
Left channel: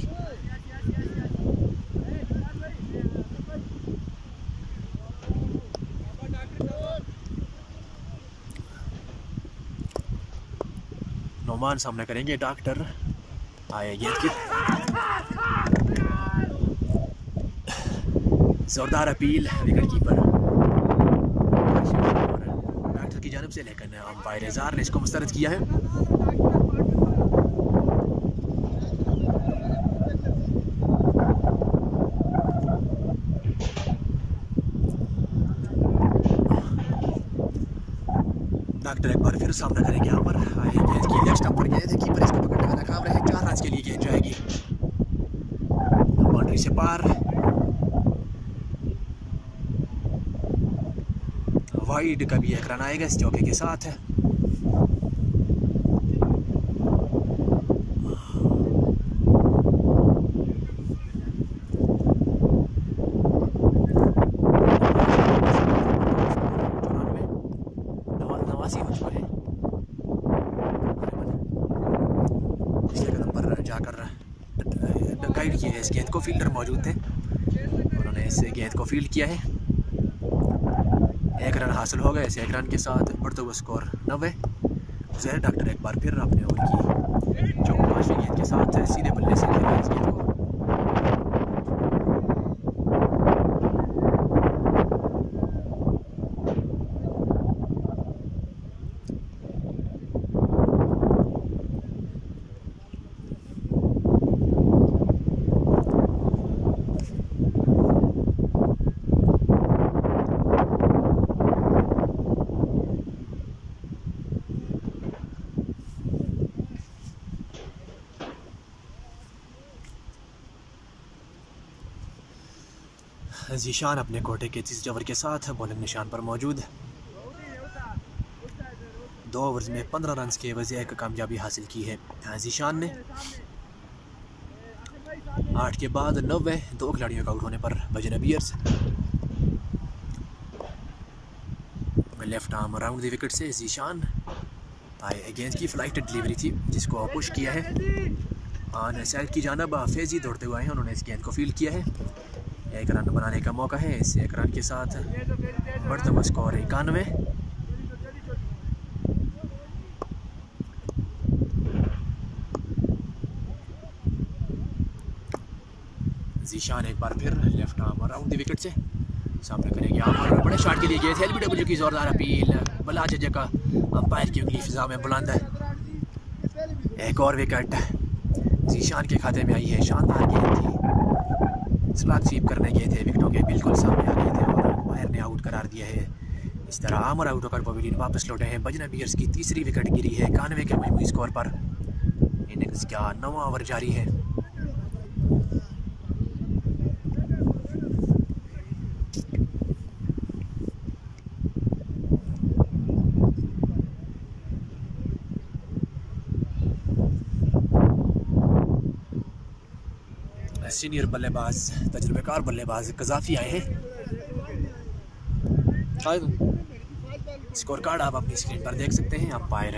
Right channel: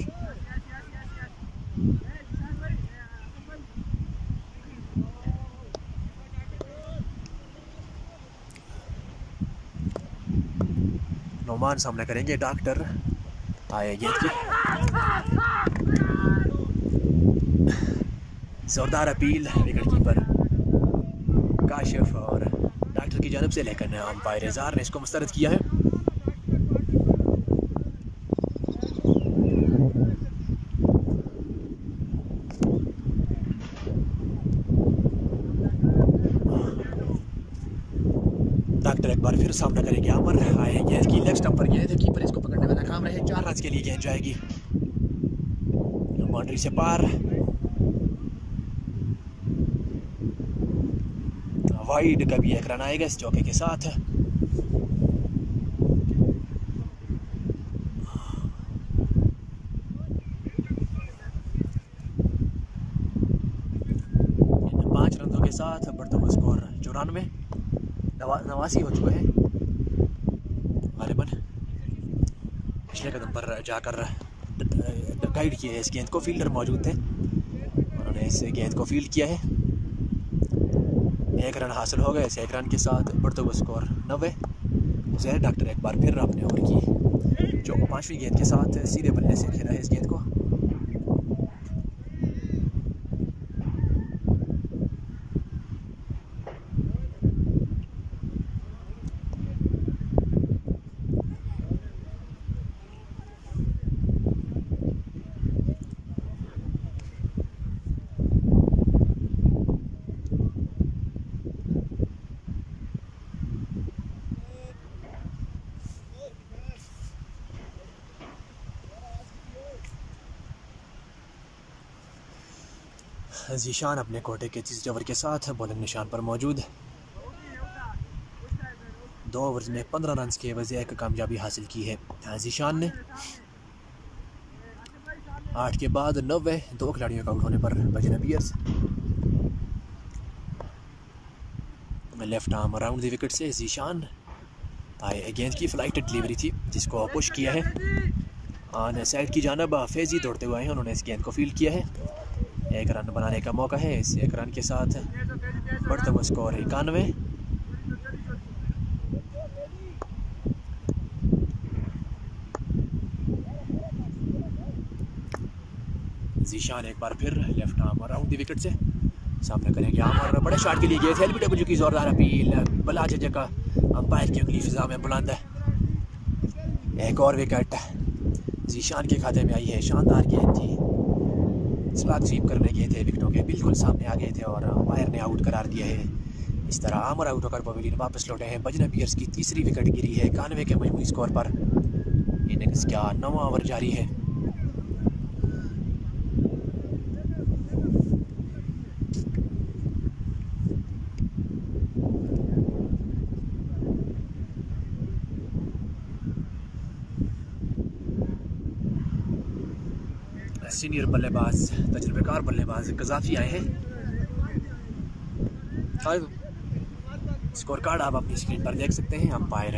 नोमान सामना करेंगे। डॉक्टर आए गेंद की जोरदार अपील विकेट कीपर काशिफ और डॉक्टर की जानब से, लेकिन अंपायर जार ने इसको मुस्तरद किया है। डॉक्टर एक बार फिर सामना करेंगे। आमर आए गेंद की लेग स्टंप पर गेंद है, कीपर इसको पकड़ने में नाकाम रहे। 4 रन के लिए गेंद जाएगी बाउंड्री से पार। वाइड का भी 1 रन आएगा इस चौके के साथ। स्कोर 94 89 हो चुका है। पिछले कदम पर जाकर गाइड किया है इस गेंद को, फील्डर मौजूद थे, उन्होंने इस गेंद को फील्ड किया है। 1 रन हासिल हो गए। इस 1 रन के साथ बढ़ता हुआ स्कोर 90। जहर डॉक्टर एक बार फिर अपने ओवर की जो 5वीं गेंद के साथ सीधे बल्ले से खेला है इस गेंद को। जीशान अपने कोटे के 30 ओवर के साथ बॉलिंग निशान पर मौजूद। 2 ओवर्स में 15 रन के एवज 1 कामयाबी हासिल की है जीशान ने। 8 के बाद 90 2 खिलाड़ियों का आउट होने पर बजरंग बियर्स left arm around the wicket से जीशान आए। गेंद की फ्लाइट डिलीवरी थी जिसको पुश किया है ऑन साइड की जानब। फैजी दौड़ते हुए आए हैं, उन्होंने इस गेंद को फील्ड किया है। 1 रन बनाने का मौका है। इस 1 रन के साथ बढ़ता हुआ स्कोर 91। जीशान एक बार फिर left arm around the wicket से सामना करेंगे। आमर बड़े शॉट के लिए गए थे। एलबीडब्ल्यू की जोरदार अपील, बला जज का अंपायर की उंगली फिजा में बुलंद है। एक और विकेट जीशान के खाते में आई है। शानदार गेंद थी, स्लॉट स्वीप करने गए थे, विकेटों के बिल्कुल सामने आ गए थे और अंपायर ने आउट करार दिया है। इस तरह आमर आउट होकर पवेलियन वापस लौटे हैं। बजरंग बियर्स की 3री विकेट गिरी है 91 के मजमूई स्कोर पर। इनिंग्स का 9वां ओवर जारी है। सीनियर बल्लेबाज तजुर्बेकार बल्लेबाज कज़ाफ़ी आए हैं। स्कोर कार्ड आप अपनी स्क्रीन पर देख सकते हैं। अंपायर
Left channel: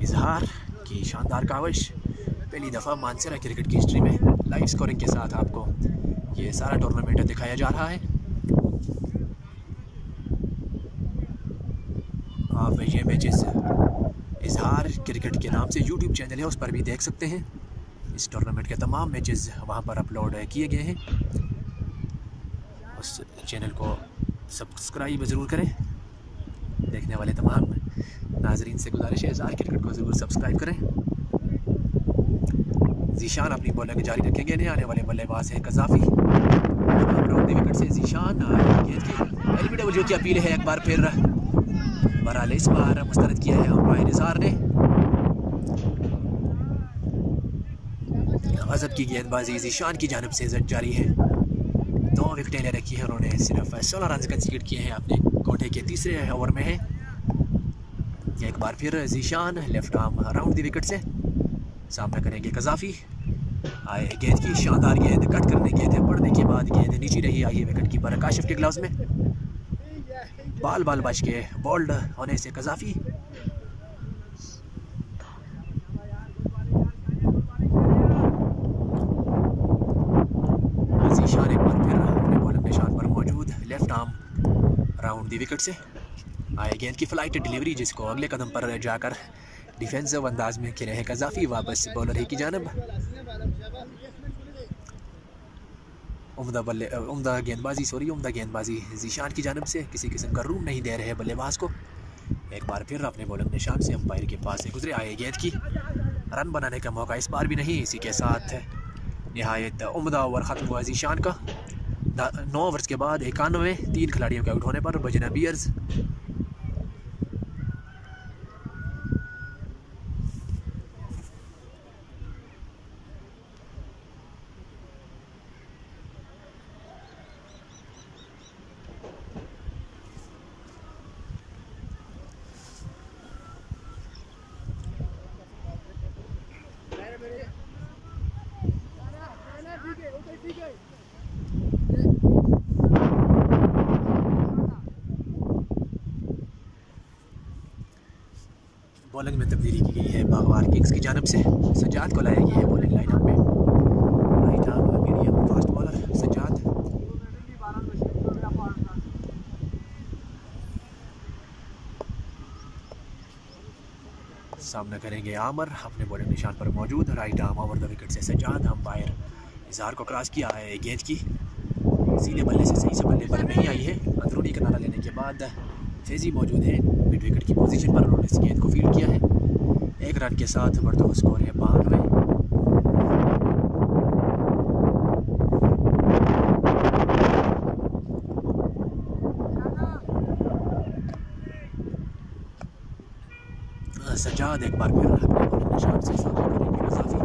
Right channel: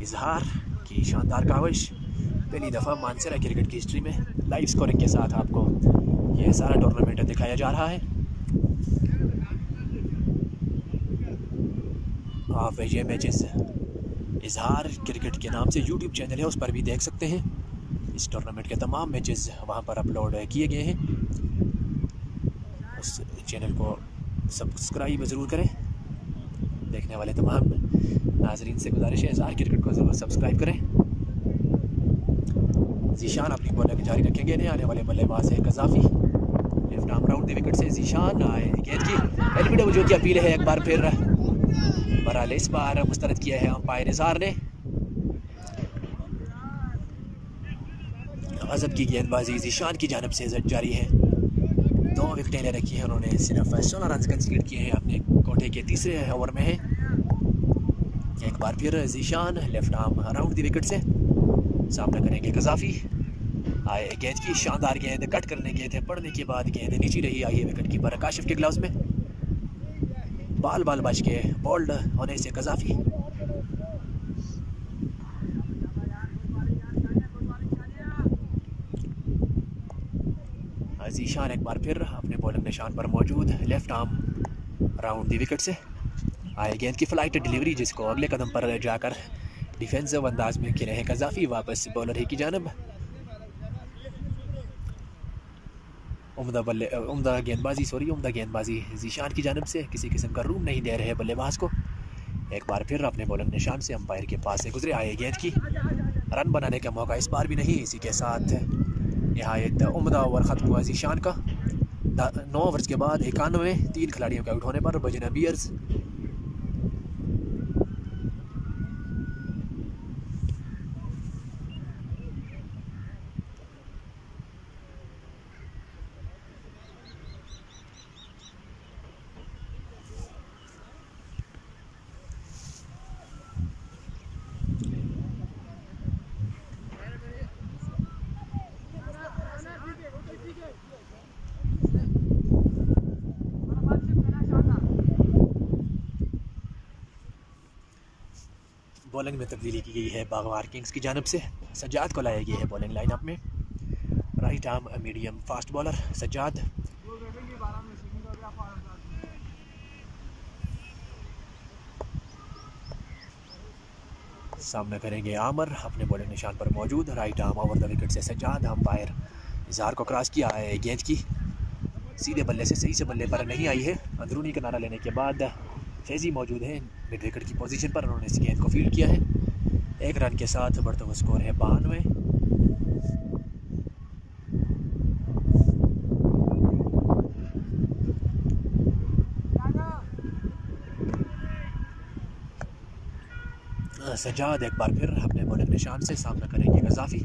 इजहार की शानदार काविश, पहली दफ़ा मानसरा क्रिकेट की हिस्ट्री में लाइव स्कोरिंग के साथ आपको ये सारा टूर्नामेंट दिखाया जा रहा है। आप ये मैचेस इजहार क्रिकेट के नाम से यूट्यूब चैनल है, उस पर भी देख सकते हैं। इस टूर्नामेंट के तमाम मैचेस वहां पर अपलोड किए गए हैं। उस चैनल को सब्सक्राइब ज़रूर करें। देखने वाले तमाम नाजरीन से गुजारिश है इजहार क्रिकेट को ज़रूर सब्सक्राइब करें। ज़ीशान अपनी बॉलिंग जारी रखेंगे। नए आने वाले बल्लेबाज है कज़ाफ़ी। राउंड द विकेट से ज़ीशान गेंद की एलबीडब्ल्यू की अपील है। एक बार फिर बहरहाल इस बार मुस्तरद किया है अंपायर इजहार ने। गजब की गेंदबाजी ज़ीशान की जानिब से जारी है। 2 विकेटें ले रखी हैं उन्होंने, सिर्फ 16 रन कंसीड किए हैं अपने कोटे के तीसरे ओवर में है। एक बार फिर Zeeshan left arm round the wicket से सामना करेंगे कज़ाफ़ी। आए गेंद की शानदार गेंद, कट करने गए थे, पड़ने के बाद गेंद नीचे रही। आई है विकेट कीपर काशिफ के ग्लव्स में। बाल बच के बोल्ड होने से कज़ाफ़ी। ज़ीशान एक बार फिर अपने बॉलिंग निशान पर मौजूद, लेफ्ट आर्म राउंड दी विकेट से। आए गेंद की फ्लाइट डिलीवरी, जिसको अगले कदम पर जाकर डिफेंसिव अंदाज में खेले हैं कज़ाफ़ी। वापस बॉलर ही की जानब। उम्दा गेंदबाजी ज़ीशान की जानब से। किसी किस्म का रूम नहीं दे रहे बल्लेबाज को। एक बार फिर अपने बॉलिंग निशान से अंपायर के पास से गुजरे। आए गेंद की रन बनाने का मौका इस बार भी नहीं। इसी के साथ नहायत उम्दा ओवर ख़त्म हुआ ज़ीशान का। 9 ओवर्स के बाद 91, 3 खिलाड़ियों के आउट होने पर बजना बियर्स बॉलिंग में तब्दीली की गई है बागवार किंग्स की जानब से। सज्जाद को लाया गया है बॉलिंग लाइनअप में। Right arm medium fast bowler Sajjad. सामना करेंगे आमर, अपने बॉलिंग निशान पर मौजूद। Right arm over the wicket से सज्जाद। अंपायर इजहार को क्रॉस किया है। गेंद की सीधे बल्ले से सही से बल्ले पर नहीं आई है। अंदरूनी किनारा लेने के बाद फैजी मौजूद है मिड विकेट की पोजीशन पर। उन्होंने इस गेंद को फील्ड किया है। 1 रन के साथ बढ़ता हुआ स्कोर है 92। सज्जाद एक बार फिर अपने बॉलिंग निशान से सामना करेंगे कज़ाफ़ी।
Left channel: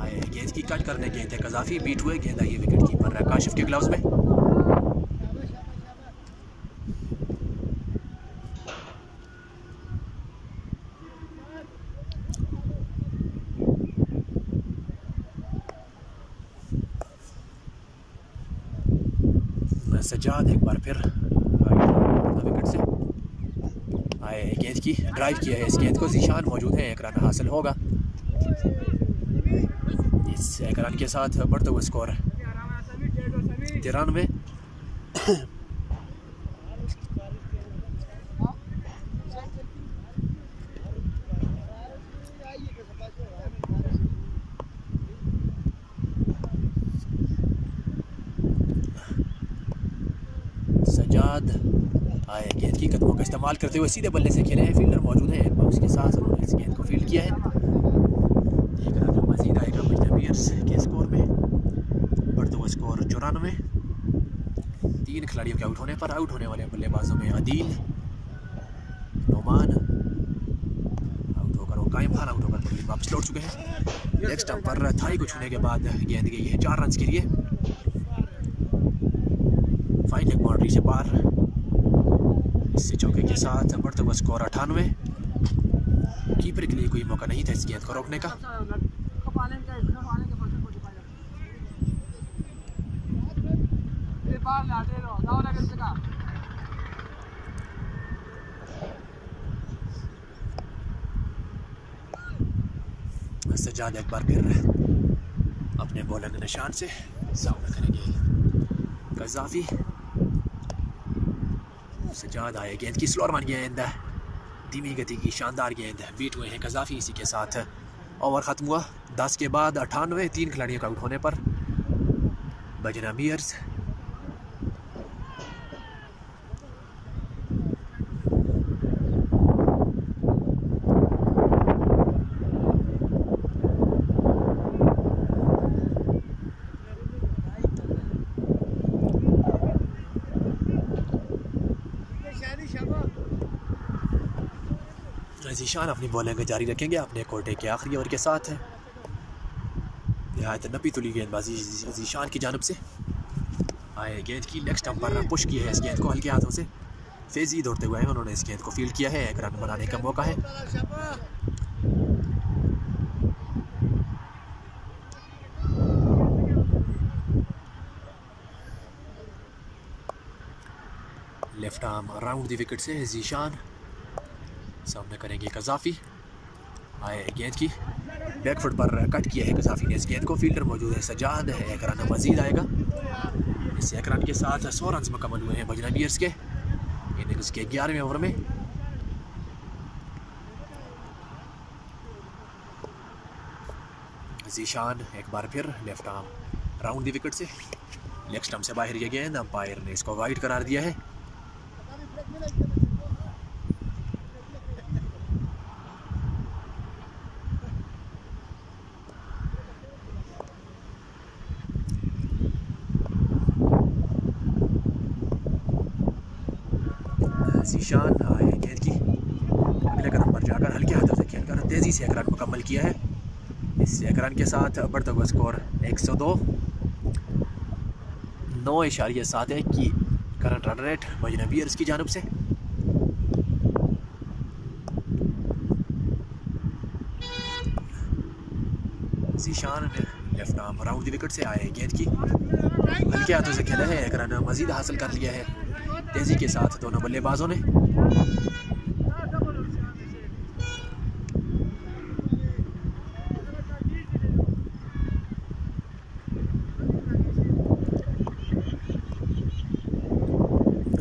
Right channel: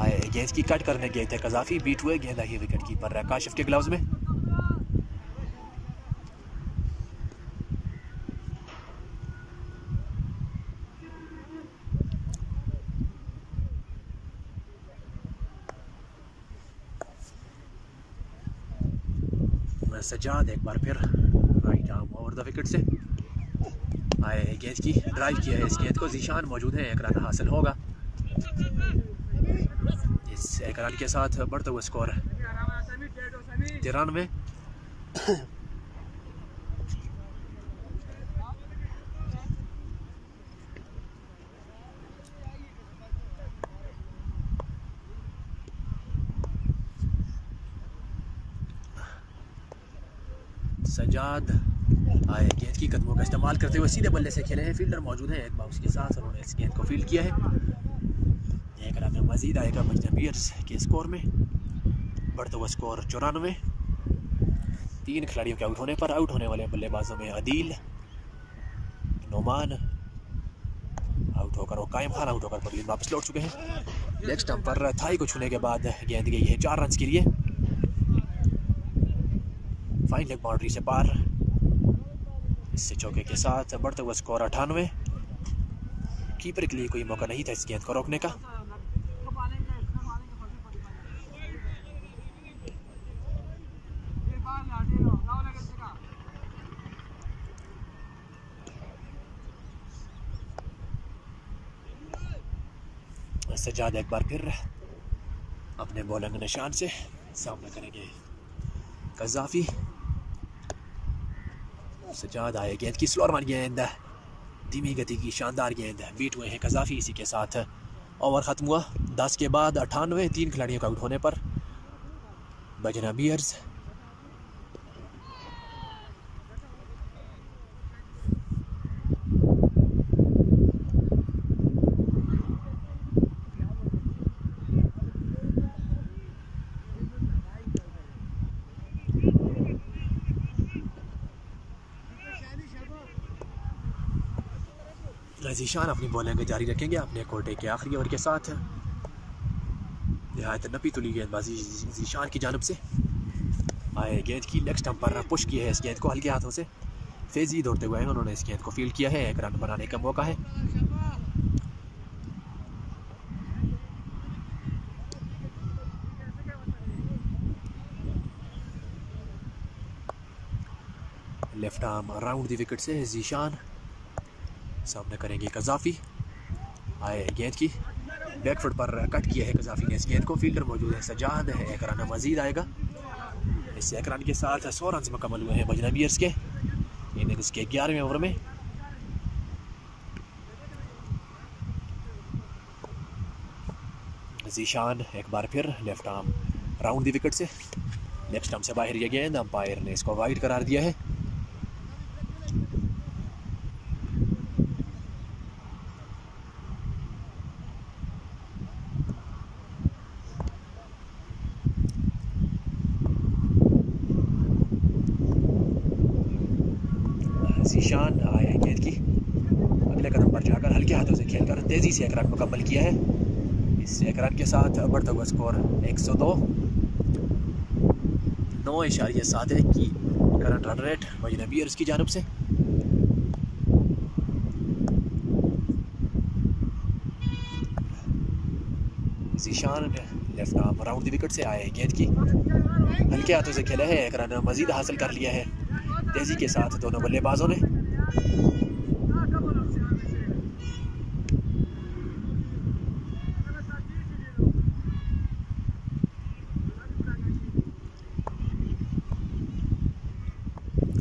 आए गेंद की कट करने गए थे कज़ाफ़ी, बीट हुए। गेंद आई है विकेट कीपर काशिफ के ग्लव्स में। सज्जाद एक बार फिर right arm over the wicket से। आए गेंद की ड्राइव किया है। इस गेंद को ज़ीशान मौजूद है। 1 रन हासिल होगा। इस 1 रन के साथ बढ़ता हुआ स्कोर 93। सज्जाद आए गेंद की कदमों का इस्तेमाल करते हुए सीधे बल्ले से खेले हैं। फील्डर मौजूद है एक बाउंस के साथ। उन्होंने इस गेंद को फील्ड किया है। 1 रन मजीद आएगा बजना बियर्स के स्कोर में। बढ़ता हुआ स्कोर 94। 3 खिलाड़ियों के आउट होने पर आउट होने वाले बल्लेबाजों में अदील, नोमान आउट होकर और कायम खान आउट होकर बल्ले वापस लौट चुके हैं। लेग स्टंप पर थाई को छूने के बाद गेंद गई है 4 रन के लिए। फाइन लेग बाउंड्री से पार। इससे चौके के साथ बढ़ता हुआ स्कोर 98। कीपर के लिए कोई मौका नहीं था इस गेंद को रोकने का। सज्जाद एक बार फिर अपने बॉलिंग निशान से सामना करेंगे कज़ाफ़ी। सज्जाद आए गेंद की स्लोअर वन गेंद, धीमी गति की शानदार गेंद, बीट हुए हैं कज़ाफ़ी। इसी के साथ ओवर ख़त्म हुआ 10 के बाद 98। 3 खिलाड़ियों का आउट होने पर बजना बियर्स ज़ीशान अपनी बॉलिंग जारी रखेंगे अपने कोटे के आखिरी ओवर के साथ। नहायत नपी तुली गेंदबाजी ज़ीशान की जानब से। आए गेंद की लेग स्टंप पर पुश की है इस गेंद को हल्के हाथों से। फेजी दौड़ते हुए उन्होंने इस गेंद को फील्ड किया है। एक रन बनाने का मौका है। लेफ्ट आर्म राउंड दी विकेट से ज़ीशान सामने करेंगे कज़ाफ़ी। आए गेंद की बैकफुट पर कट किया है कज़ाफ़ी ने इस गेंद को। फील्डर मौजूद है सज्जाद, एक रन मजीद आएगा। इस एक रन के साथ 100 रन मुकम्मल हुए हैं बजना बियर्स के इनिंग्स के 11वें ओवर में। ज़ीशान एक बार फिर लेफ्ट आर्म राउंड दी विकेट से लेग स्टंप से बाहर ये गेंद, अंपायर ने इसको वाइड करार दिया है। ज़ीशान आए गेंद की अगले कदम पर जाकर हल्के हाथों से खेलकर तेज़ी से एक रन मुकम्मल किया है। इस एक रन के साथ बढ़ता हुआ स्कोर 102। 9.71 की करंट रन रेट बजना बियर्स की जानब से। ज़ीशान लेफ्ट आर्म राउंड दी विकेट से आए गेंद की हल्के हाथों से खेला है। एक रन मजीद हासिल कर लिया है तेजी के साथ दोनों बल्लेबाजों ने।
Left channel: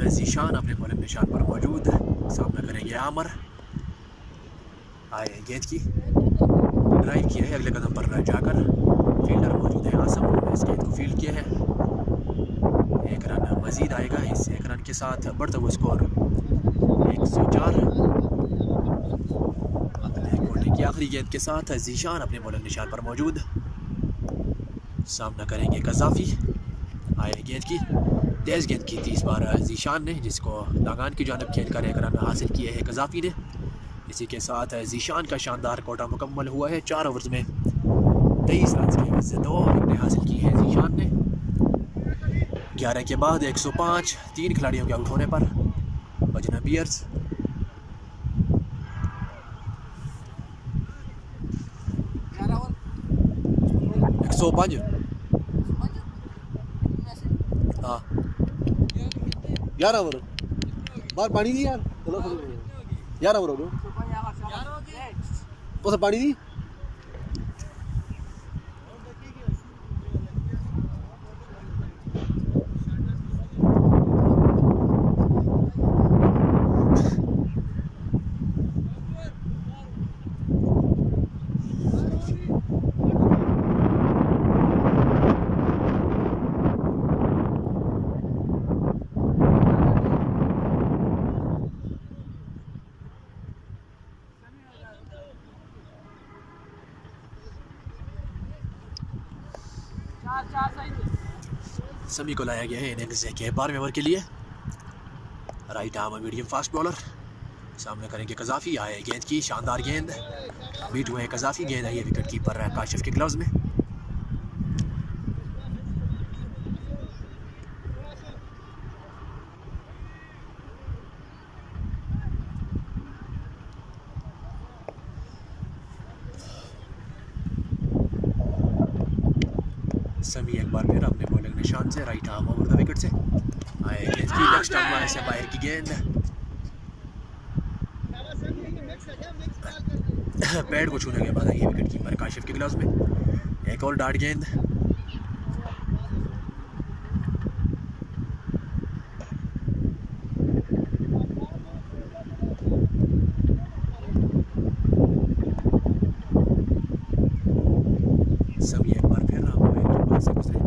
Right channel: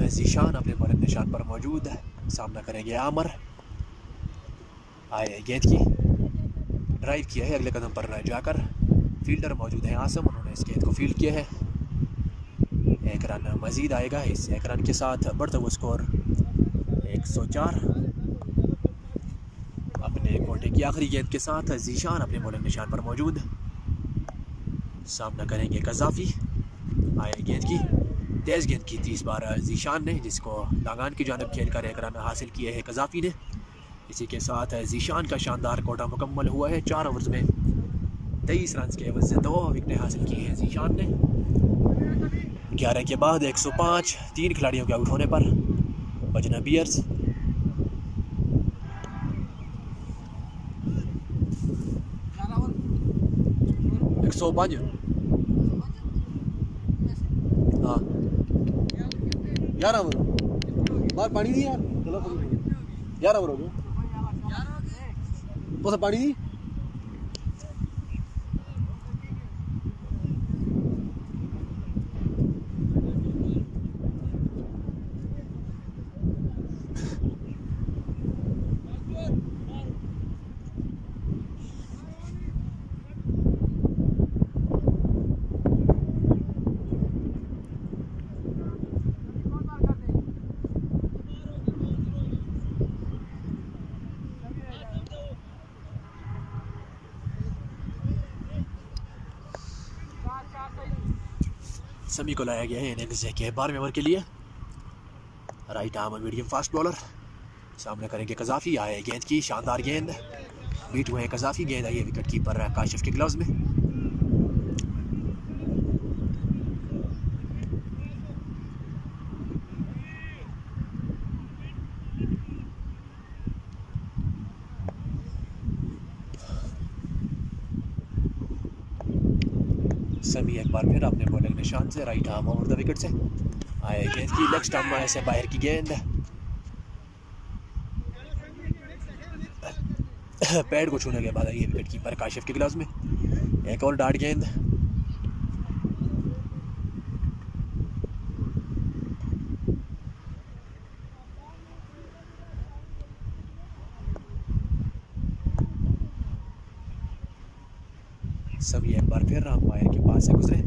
ज़ीशान अपने बॉलिंग निशान पर मौजूद, सामना करेंगे आमर। आए गेंद की ड्राइव किया है अगले कदम पर जाकर फील्डर मौजूद है आसम, उन्होंने इस गेंद को फील्ड किया है। एक रन मजीद आएगा। इस एक रन के साथ बढ़ता हुआ स्कोर 104। अपने कोटे की आखिरी गेंद के साथ ज़ीशान अपने बॉलिंग निशान पर मौजूद, सामना करेंगे कज़ाफ़ी। आए गेंद की तेज़ गेंद की 30 बार ज़ीशान ने, जिसको दागान की जानब खेलकर एक रन हासिल किए है कज़ाफ़ी ने। इसी के साथ ज़ीशान का शानदार कोटा मुकम्मल हुआ है। 4 ओवर्स में 23 रन के एवज से 2 विकेटें हासिल की हैं ज़ीशान ने। 11 के बाद 105। 3 खिलाड़ियों के आउट होने पर बजना बियर्स 105। हाँ 11 ओवर बाहर पानी दी यार। चलो 11 ओवर हो गए उसे पानी दी। समी को लाया गया है इनिंग्स के 12वें ओवर के लिए। Right arm medium fast bowler, सामने करेंगे कज़ाफ़ी। आए गेंद की शानदार गेंद, बीट हुए कज़ाफ़ी। गेंद आई है विकेट कीपर काशिफ के ग्लव्स में। सभी एक बार फिर अपने बॉलिंग निशान से right arm over the wicket से आए गेंद की लेग स्टंप से बाहर की गेंद पैड को छूने के बाद आई है विकेट कीपर काशिफ के ग्लव्स में। एक और डार्ट गेंद सभी एक बार फिर अंपायर के पास से गुजरे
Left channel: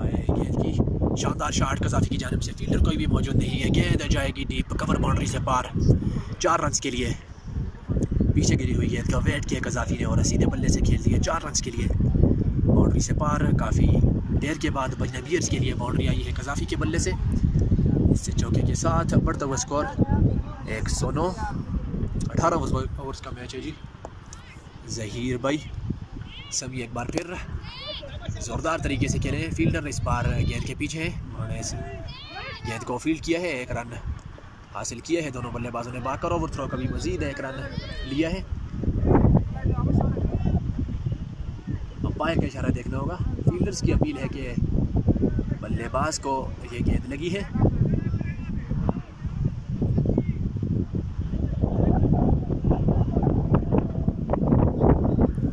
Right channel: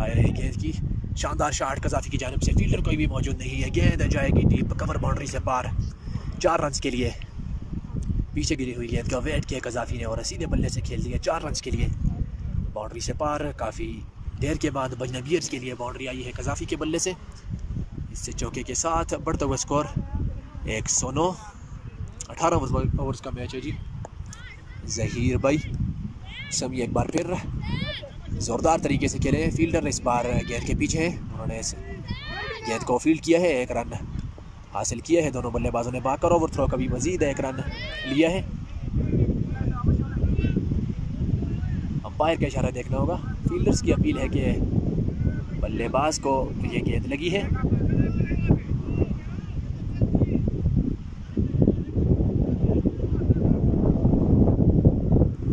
आए गेंद की शानदार शॉट कजाफी की जानिब से। फील्डर कोई भी मौजूद नहीं है, गेंद जाएगी डीप कवर बाउंड्री से पार 4 रन के लिए। पीछे गिरी हुई गेंद का वेट किया कजाफी ने और सीधे बल्ले से खेल दिया 4 रन के लिए बाउंड्री से पार। काफ़ी देर के बाद बजना बियर्स के लिए बाउंड्री आई है कजाफी के बल्ले से। इससे चौके के साथ बढ़ता हुआ स्कोर 109। 18 ओवर्स का मैच है जी। जहीर भाई सभी एक बार फिर ज़ोरदार तरीके से खेले। फील्डर इस बार गेंद के पीछे है, उन्होंने इस गेंद को फील्ड किया है, 1 रन हासिल किया है। दोनों बल्लेबाजों ने बाकर ओवर थ्रो का भी मजीद 1 रन लिया है। अंपायर का इशारा देखना होगा। फील्डर्स की अपील है कि बल्लेबाज को ये गेंद लगी है।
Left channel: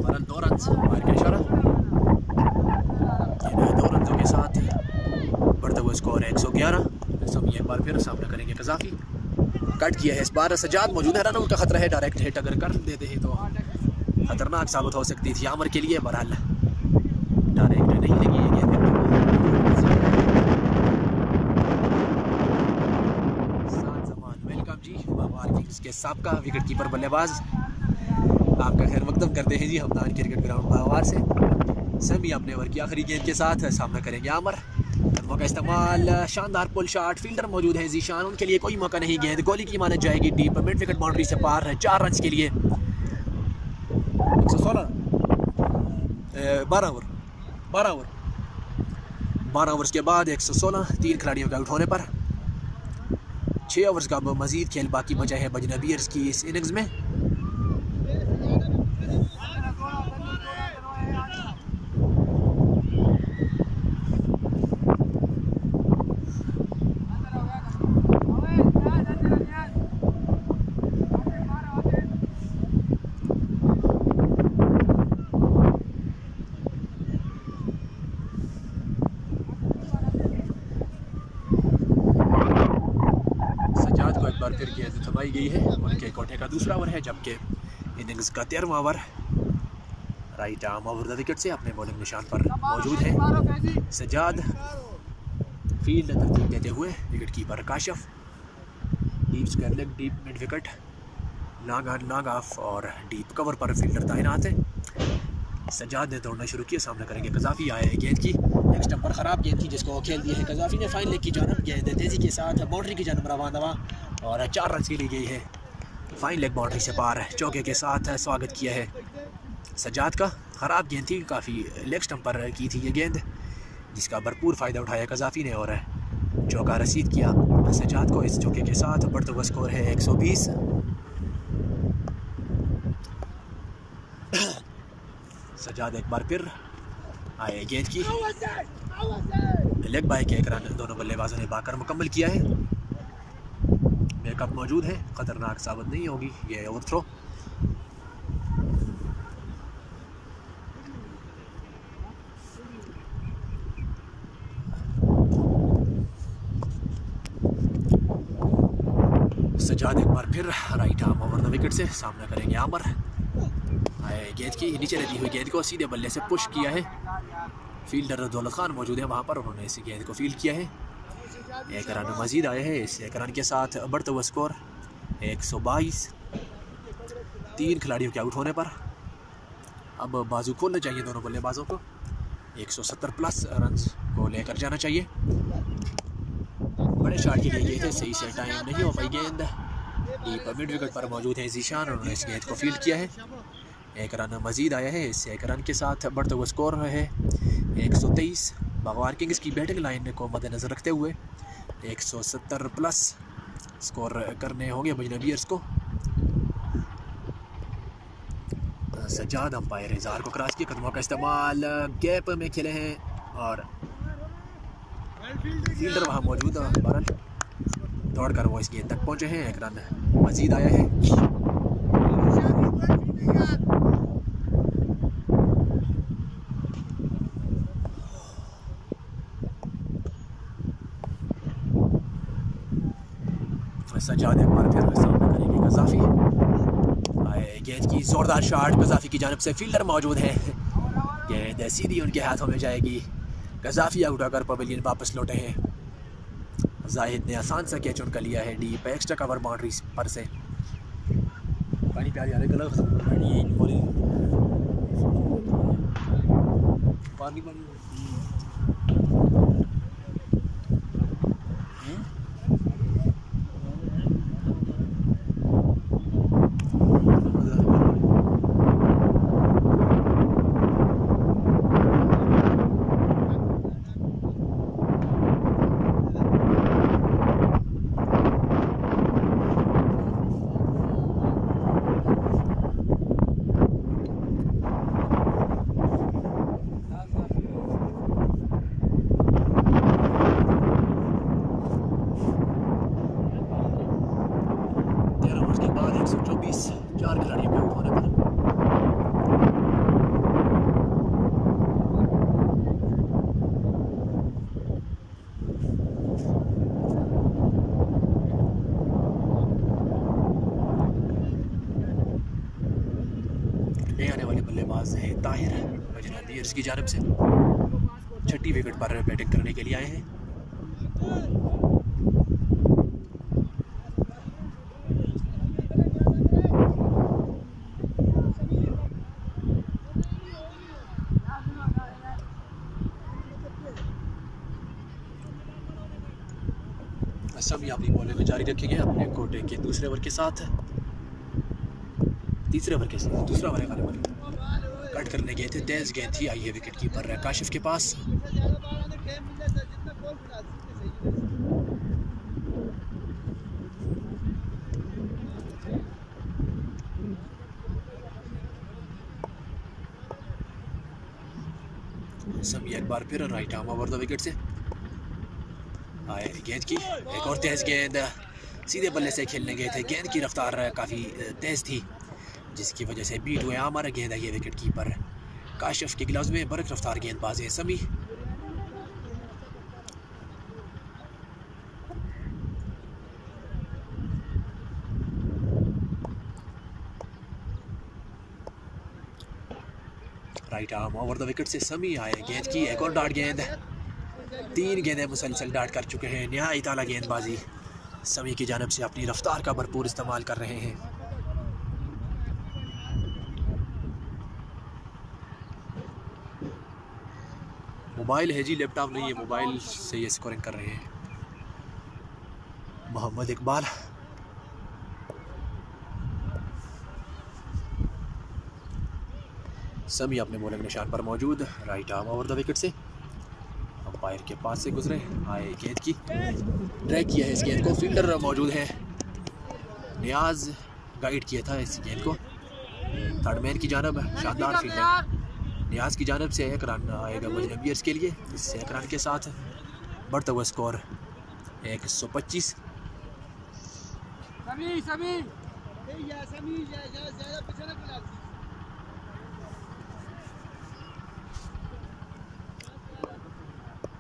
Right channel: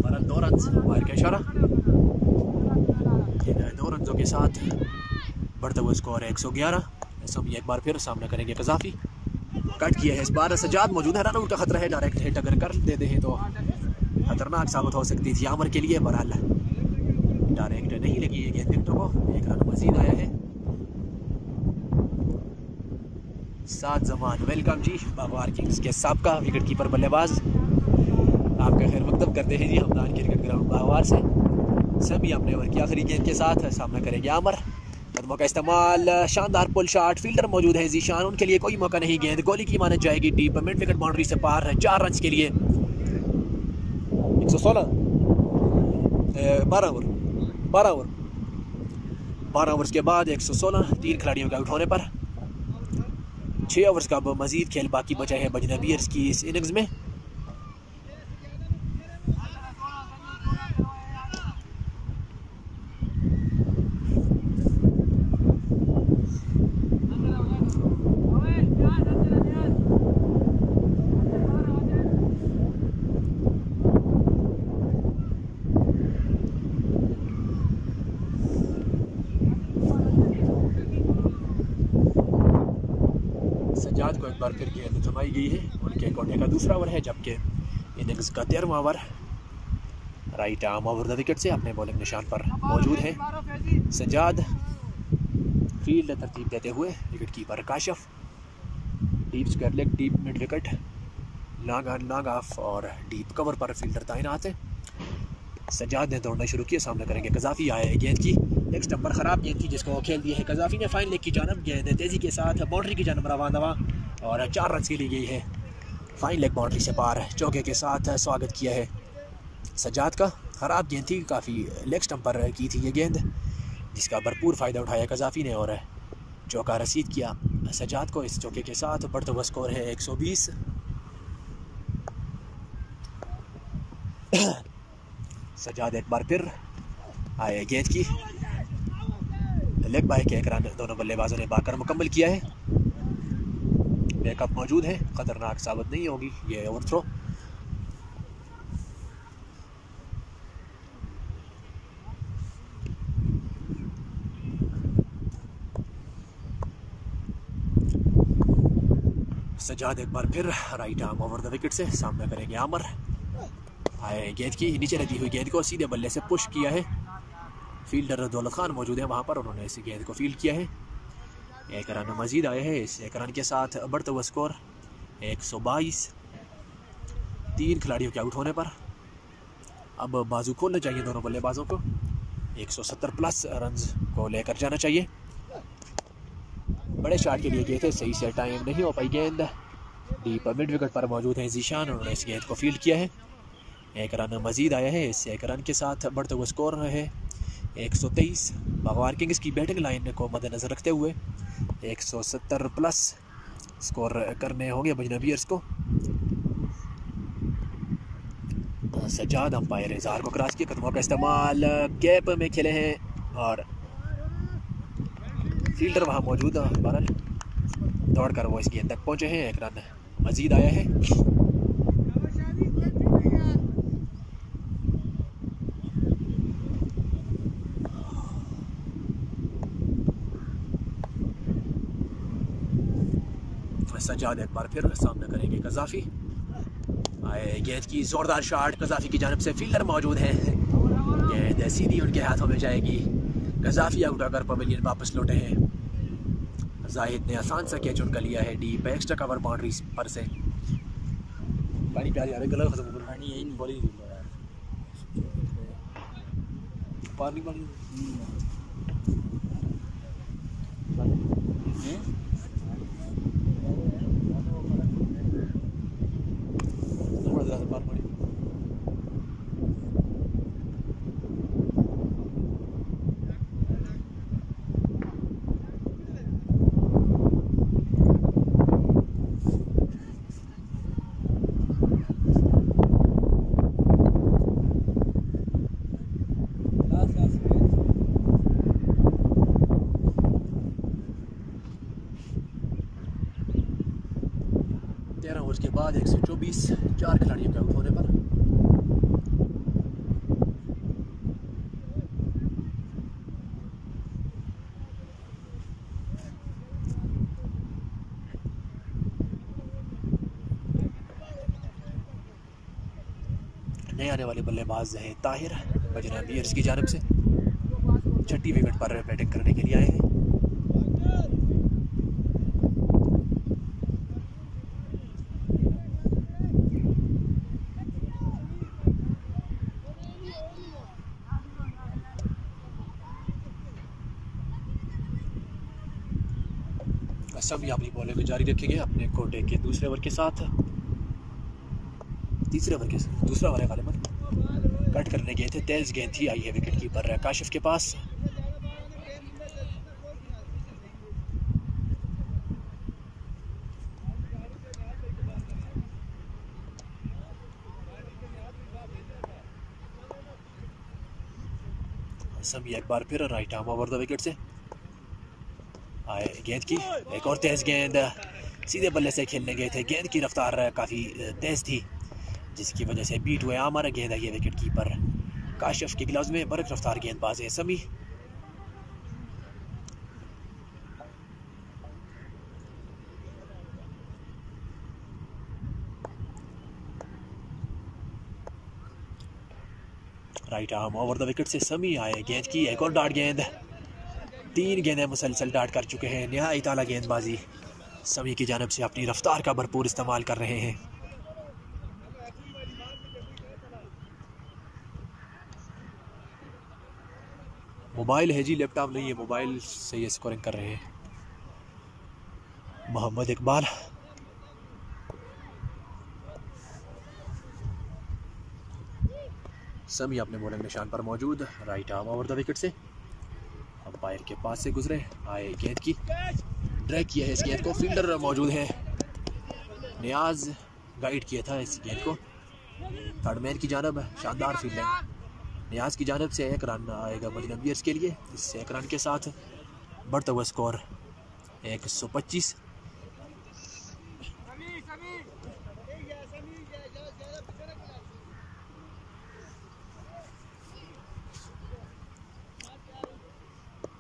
फरन 2 रन अंपायर का इशारा। 2 रनों के साथ बढ़ते हुए स्कोर 111। सब एक बार फिर सामना करेंगे कजाफी। कट किया है इस बार सजाद मौजूद है, रन आउट का खतरा है। डायरेक्ट हिट अगर कर देते हैं तो खतरनाक साबित हो सकती थी आमर के लिए। बहरहाल डायरेक्ट नहीं लगी है गेंद को। 7 जमान वेलकम जी बागवार किंग्स के साबका विकेट कीपर बल्लेबाज, आपका खैर मकदम करते हैं जी हमदान क्रिकेट ग्राउंड बागवार से। सभी अपने ओवर की आखिरी गेंद के साथ सामना करेंगे आमर। कदमों का इस्तेमाल, शानदार पुल शॉट। फील्डर मौजूद है जीशान, उनके लिए कोई मौका नहीं। गेंद गोली की मानी जाएगी डीप मिड विकेट बाउंड्री से पार 4 रन के लिए। 116 12 ओवर्स के बाद 116 3 खिलाड़ियों के आउट होने पर 6 ओवर्स का मजीद खेल बाकी बचा है बजना बियर्स की इस इनिंग्स में। सजाद को एक बार फिर गेंद थमाई गई है। उनके कोठे का दूसरा ओवर है, जबकि इनिंग्स का 13वां over. Right arm over the wicket से अपने बॉलिंग निशान पर मौजूद है सजाद। फील्ड तरतीब देते हुए wicket keeper Kashif. Deep square leg, deep mid wicket, long on long off और डीप कवर पर फील्डर तैनात है। सजाद ने दौड़ना शुरू किया, सामना करेंगे कजाफी। आया है गेंद की एक स्टंप पर ख़राब गेंद थी जिसको खेल दी है कजाफी ने फाइन लेग की जानब। गेंद तेज़ी के साथ बाउंड्री की जानब रवाना और 4 रन की ली गई है। फाइन लेग बाउंड्री से पार चौके के साथ स्वागत किया है सजाद का। ख़राब गेंद थी, काफ़ी लेग स्टंप पर की थी ये गेंद, जिसका भरपूर फ़ायदा उठाया कजाफी ने और चौका रसीद किया सजाद को। इस चौके के साथ बढ़ता हुआ स्कोर है 120। सजाद एक बार फिर आए गेंद की लेग बाय के 1 रन दोनों बल्लेबाजों ने बाकर मुकम्मल किया है। बैकअप मौजूद है, खतरनाक साबित नहीं होगी ये ओवर थ्रो। सजाद एक बार फिर right arm over the wicket से सामना करेंगे आमर। आए गेंद की नीचे रहती हुई गेंद को सीधे बल्ले से पुश किया है। फील्डर दौलत खान मौजूद है वहाँ पर, उन्होंने इस गेंद को फील्ड किया है। 1 रन मजीद आए हैं। इस 1 रन के साथ बढ़ता हुआ स्कोर 122। 3 खिलाड़ियों के आउट होने पर अब बाजू खोलना चाहिए दोनों बल्लेबाजों को। 170 प्लस रन्स को लेकर जाना चाहिए। बड़े शॉट के लिए गए थे, सही से टाइम नहीं हो पाई गेंद। डीप मिड विकेट पर मौजूद है जीशान, उन्होंने इस गेंद को फील्ड किया है। 1 रन मजीद आया है। इस 1 रन के साथ बढ़ता हुआ स्कोर है 123। बागवार किंग्स की बैटिंग लाइन को मद्देनजर रखते हुए 170 प्लस स्कोर करने होंगे बजना बियर्स को। सजाद अंपायर इज़हार को क्रॉस किया, कदमों का इस्तेमाल, गैप में खेले हैं और फील्डर वहाँ मौजूद है। बहरहाल दौड़ कर वो इस गेंद तक पहुँचे हैं। एक रन मजीद आया है। सज्जाद एक बार फिर सामना करेंगे कज़ाफ़ी। आए गेंद की ज़ोरदार शॉट कज़ाफ़ी की जानिब से, फील्डर मौजूद है। गेंद सीधी उनके हाथों में जाएगी। कज़ाफ़ी आउट होकर पवेलियन वापस लौटे हैं। जाहिद ने आसान सा कैच उनका लिया है डीप एक्स्ट्रा कवर बाउंड्री पर से। पानी प्यार यार गला खत्म कर पानी पानी के बाद 124 4 खिलाड़ियों के आउट होने पर नए आने वाले बल्लेबाज हैं ताहिर बजना बियर्स की जानिब से। छठी विकेट पर बैटिंग करने के लिए आए हैं। सभी अपनी बॉलिंग को जारी रखेंगे अपने कोटे के दूसरे ओवर के साथ। तीसरे ओवर के साथ दूसरा ओवर वाले पर कट करने गए थे। तेज गेंद थी, आई है विकेट कीपर काशिफ के पास। सभी एक बार फिर right arm over the wicket से आए। गेंद की एक और तेज गेंद, सीधे बल्ले से खेलने गए थे। गेंद की रफ्तार काफ़ी तेज थी जिसकी वजह से बीट हुए हमारा गेंद है। ये विकेट कीपर काशिफ के ग्लव्स में बरक रफ्तार गेंदबाज है समी। Right arm over the wicket से समी आए। गेंद की एक और डार्ट गेंद, 3 गेंदें मुसलसल डार्ट कर चुके हैं। निहायत आला गेंदबाजी समी की जानिब से, अपनी रफ्तार का भरपूर इस्तेमाल कर रहे हैं। मोबाइल है जी, लैपटॉप नहीं है। मोबाइल से ये स्कोरिंग कर रहे हैं। मोहम्मद इकबाल समी अपने बॉलिंग निशान पर मौजूद। Right arm over the wicket से अंपायर के पास से गुजरे आए। गेंद की ट्रैक किया है इस गेंद को, फील्डर मौजूद है। नियाज गाइड किया था इस गेंद को। थर्ड मैन की जानब शानदार फील्डिंग नियाज की जानब से। 1 रन आएगा बजना बियर्स के लिए। इस 1 रन के साथ बढ़ता हुआ स्कोर 125।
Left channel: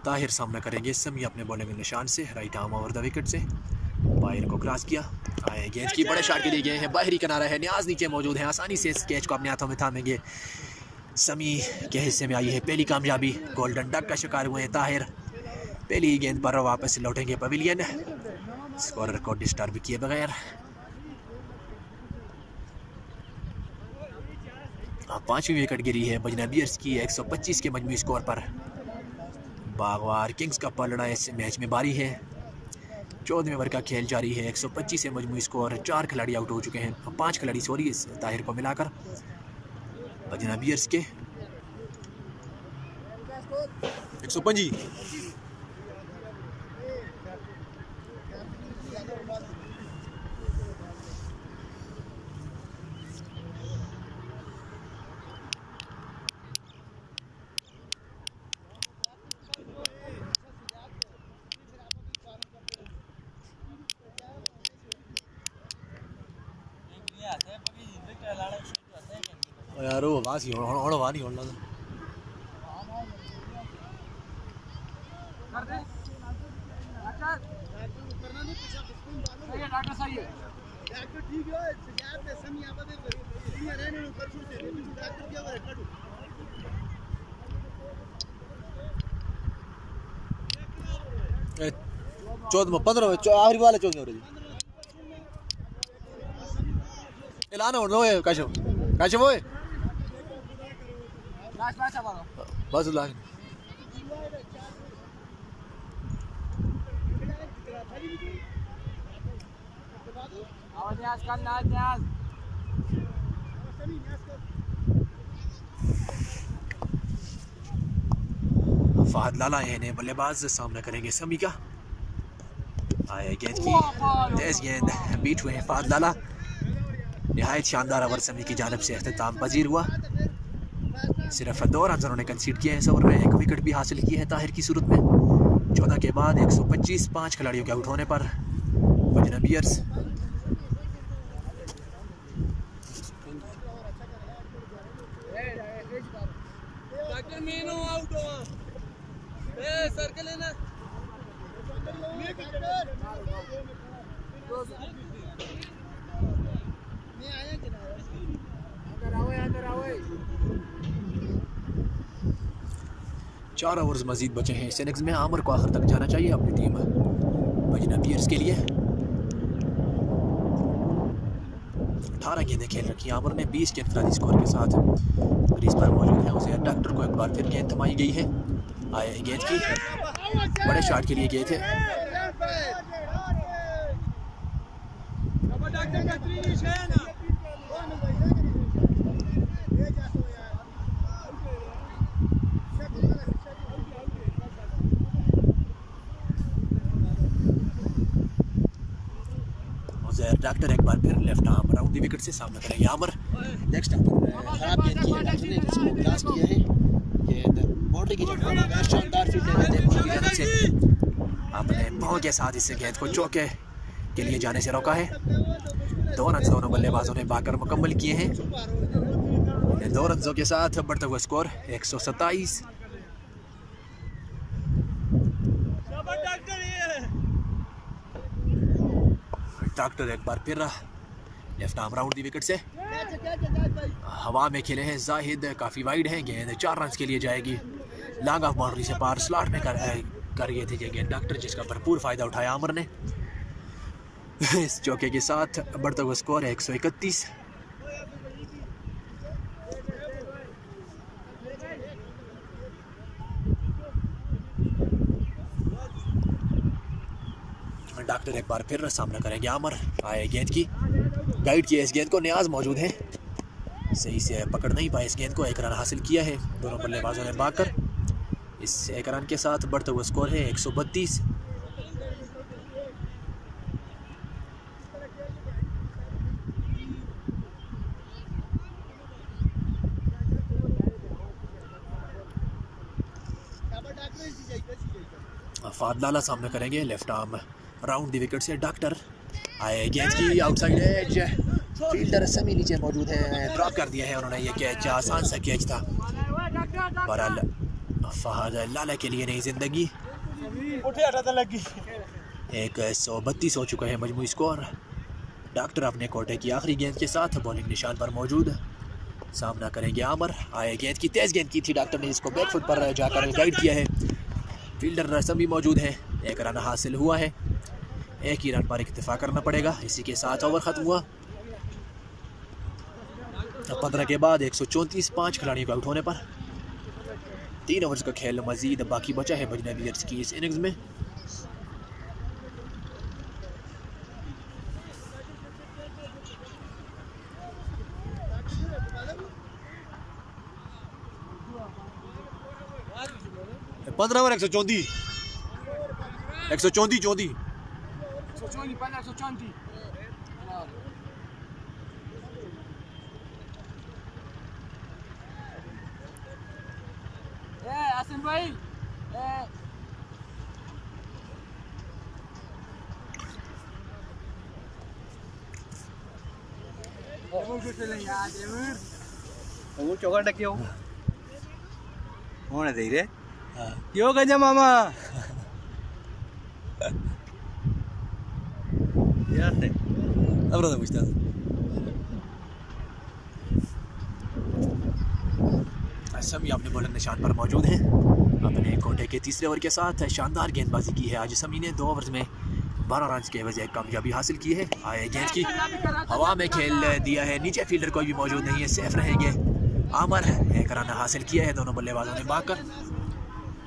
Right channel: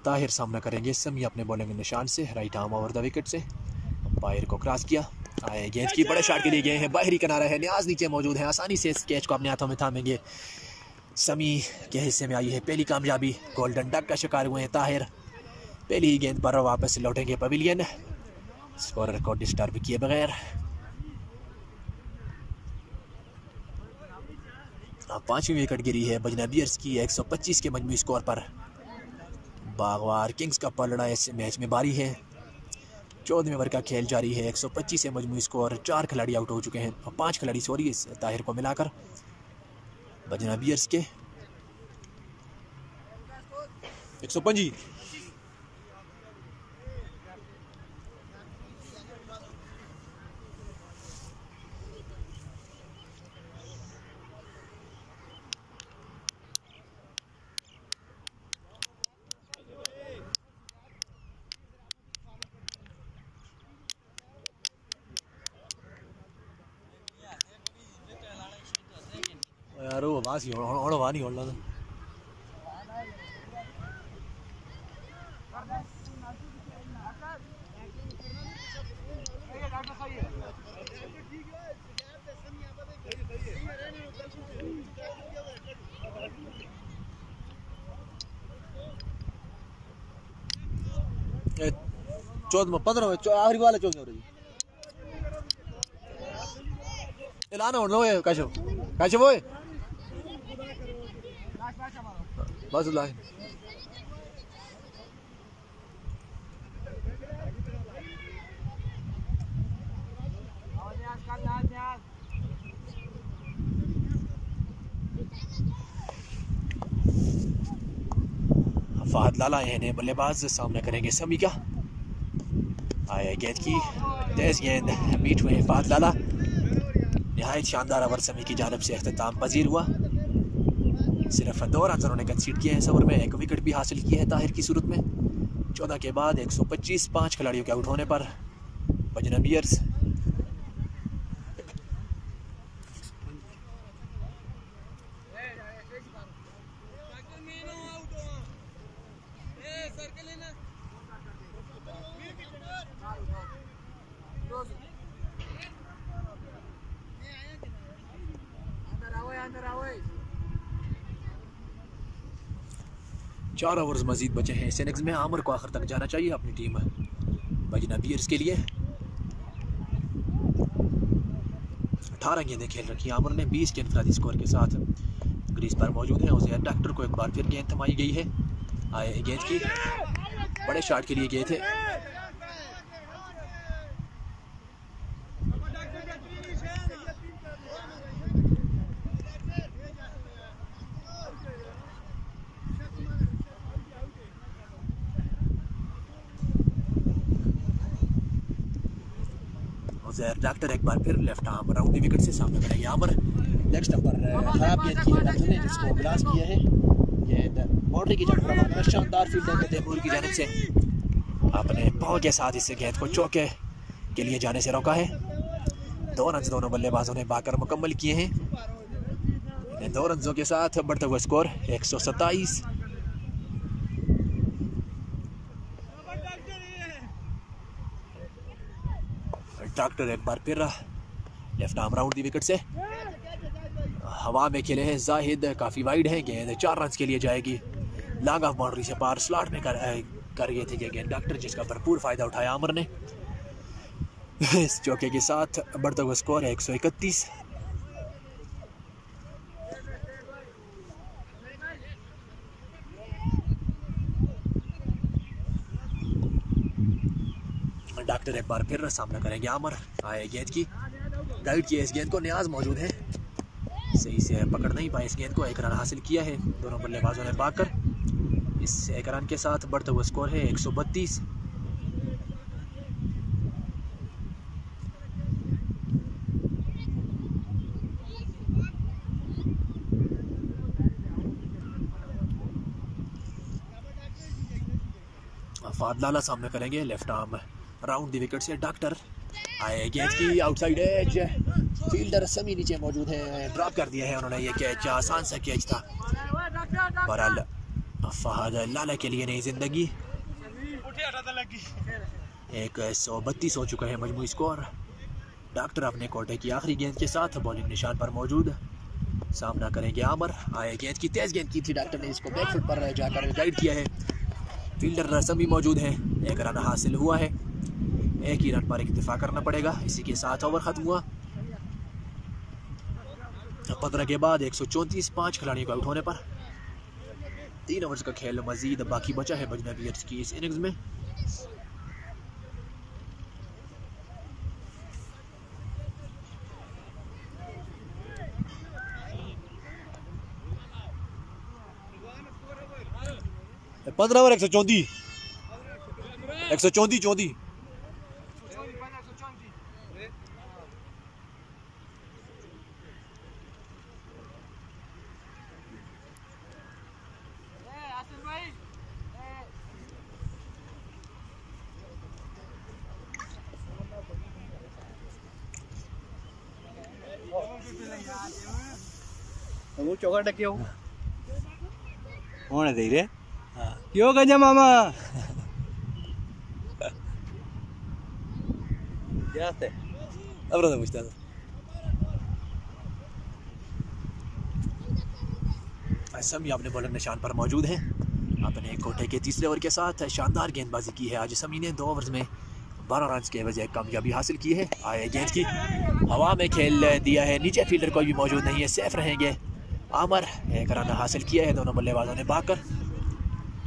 ताहिर सामना करेंगे समी अपने बॉलिंग निशान से। Right arm over the wicket से बाहर को क्रॉस किया आए। गेंद की बड़े शॉट के लिए गए हैं। बाहरी किनारा है, नियाज नीचे मौजूद है। आसानी से इस कैच को अपने हाथों में थामेंगे। समी के हिस्से में आई है पहली कामयाबी। गोल्डन डक का शिकार हुए हैं ताहिर। पहली ही गेंद पर वापस लौटेंगे पवेलियन, स्कोरर को डिस्टर्ब किए बगैर। अब 5वीं विकेट गिरी है बजना बियर्स की 125 के मजमूई स्कोर पर। बागवार किंग्स का पलड़ा इस मैच में बारी है। 14वें ओवर का खेल जारी है। 125 से मजमूई स्कोर। 4 खिलाड़ी आउट हो चुके हैं, 5 खिलाड़ी सॉरी इस ताहिर को मिलाकर बजना बियर्स के। 125 वासी और वानी होना था डॉक्टर सही है चौथ में 15 आखिरी वाला 14 हो रही लाना हो काशव काशव वो बस ला फहद लाला यानी बल्लेबाज सामना करेंगे समी का आए गेंद की तेज गेंद बीट हुए फहद लाला निहायत शानदार ओवर समी की जानिब से अख्ताम पजीर हुआ सिर्फ 2 रन उन्होंने कंसीड किए हैं इस ओवर में 1 विकेट भी हासिल किए हैं ताहिर की सूरत में 14 के बाद 125 5 खिलाड़ियों के आउट होने पर बजना बियर्स चार ओवर्स मजीद बचे हैं इस इनिंग्स में आमिर को आखिर तक जाना चाहिए अपनी टीम बजना बियर्स के लिए 18 गेंदें खेल रखी आमिर ने 20 के इनफरादी स्कोर के साथ क्रीज पर मौजूद है उसे डॉक्टर को एक बार फिर गेंद थमाई गई है आए गेंद की बड़े शॉट के लिए गए थे डॉक्टर एक बार फिर लेफ्ट आर्म राउंड दी विकेट से सामना करेंगे आमिर नेक्स्ट नंबर खराब गेंद की है डॉक्टर ने जिसको ग्लास किया है गेंद बाउंड्री की जगह लगाया शानदार फील्डर है देवपुर की जानिब से अपने पांव के साथ इस गेंद को चौके के लिए जाने से रोका है 2 रन दोनों बल्लेबाजों ने बाकर मुकम्मल किए हैं 2 रनों के साथ बढ़ता हुआ स्कोर 127 डॉक्टर एक बार फिर लेफ्ट आर्म राउंड दी विकेट से हवा में खेले हैं जाहिद काफ़ी वाइड है गेंद 4 रन के लिए जाएगी लॉन्ग ऑफ बाउंड्री से पार स्लॉट में कर गए थे गेंद डॉक्टर जिसका भरपूर फायदा उठाया आमिर ने इस चौके के साथ बढ़ता हुआ स्कोर है 131 डॉक्टर एक बार फिर सामना करेंगे आमिर आए गेंद की गाइड किया इस गेंद को नियाज मौजूद है सही से पकड़ नहीं पाए इस गेंद को 1 रन हासिल किया है दोनों बल्लेबाजों ने बाकर इस 1 रन के साथ बढ़ता हुआ स्कोर है 132 फहद लाला सामना करेंगे लेफ्ट आर्म राउंड दी विकेट से डॉक्टर आए गेंद की आउटसाइड एज फील्डर समी नीचे मौजूद है ड्रॉप कर दिया है उन्होंने ये कैच आसान सा कैच था बहरहाल फहद लाला के लिए नई जिंदगी 132 हो चुका है मजमूई स्कोर डॉक्टर अपने कोटे की आखिरी गेंद के साथ बॉलिंग निशान पर मौजूद सामना करेंगे आमिर आए गेंद की तेज गेंद की थी डॉक्टर ने इसको बैकफुट पर जाकर गाइड किया है फील्डर समी मौजूद है 1 रन हासिल हुआ है 1 ही रन पर इक्तिफा करना पड़ेगा इसी के साथ ओवर खत्म हुआ 15 के बाद 134 5 खिलाड़ियों को आउट होने पर 3 ओवर्स का खेल मजीद बाकी बचा है बजना बियर्स की इस इनिंग्स में पंद्रह ओवर 134 भाई वो चौका डक्यो होने दे रे क्यों गंजा मामा यार थे अब रहा पूछता समी अपने बॉलिंग निशान पर मौजूद हैं। अपने कोटे के तीसरे ओवर के साथ शानदार गेंदबाजी की है आज समी ने। 2 ओवर्स में 12 रन के बजाय कामयाबी हासिल की है। आए गेंद की हवा में खेल दिया है, नीचे फील्डर कोई भी मौजूद नहीं है, सेफ रहेंगे। आमर 1 रन हासिल किया है दोनों बल्लेबाजों ने भागकर।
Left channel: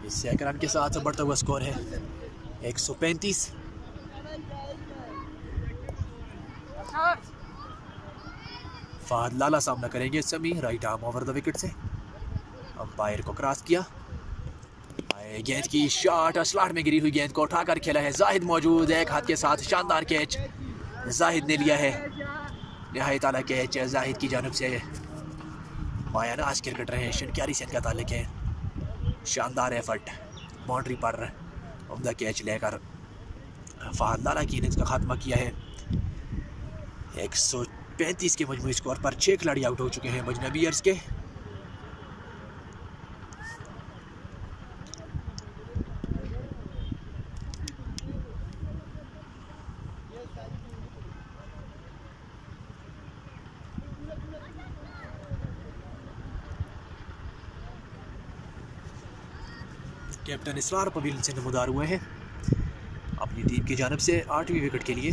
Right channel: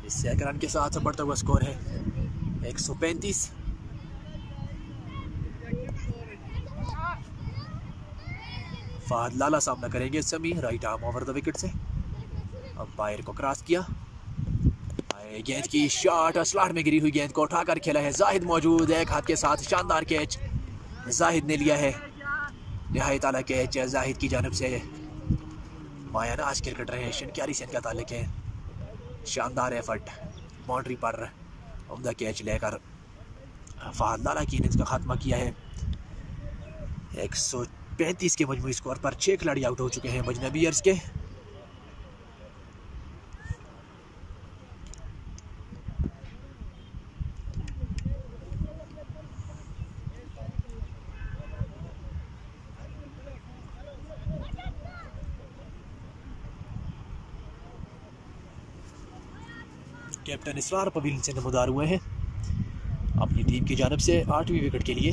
इस 1 रन के साथ बढ़ता हुआ स्कोर है 135। फहद लाला सामना करेंगे समी right arm over the wicket से। अंपायर को क्रॉस किया, गेंद की शॉट स्लॉट में गिरी हुई गेंद को उठाकर खेला है। जाहिद मौजूद है, एक हाथ के साथ शानदार कैच जाहिद ने लिया है। निहायत आला कैच जाहिद की जानिब से। मायानाज क्रिकेटर हैं, शनक्यारी से इनका ताल्लुक है। शानदार एफर्ट, बाउंड्री पर उम्दा कैच लेकर फहद लाला की इनिंग्स का खात्मा किया है। 135 के मजमूई स्कोर पर 6 खिलाड़ी आउट हो चुके हैं अजनबीयर्स के। कैप्टन इसरार पवेलियन से नमदार हुए हैं अपनी टीम की जानिब से 8वीं विकेट के लिए।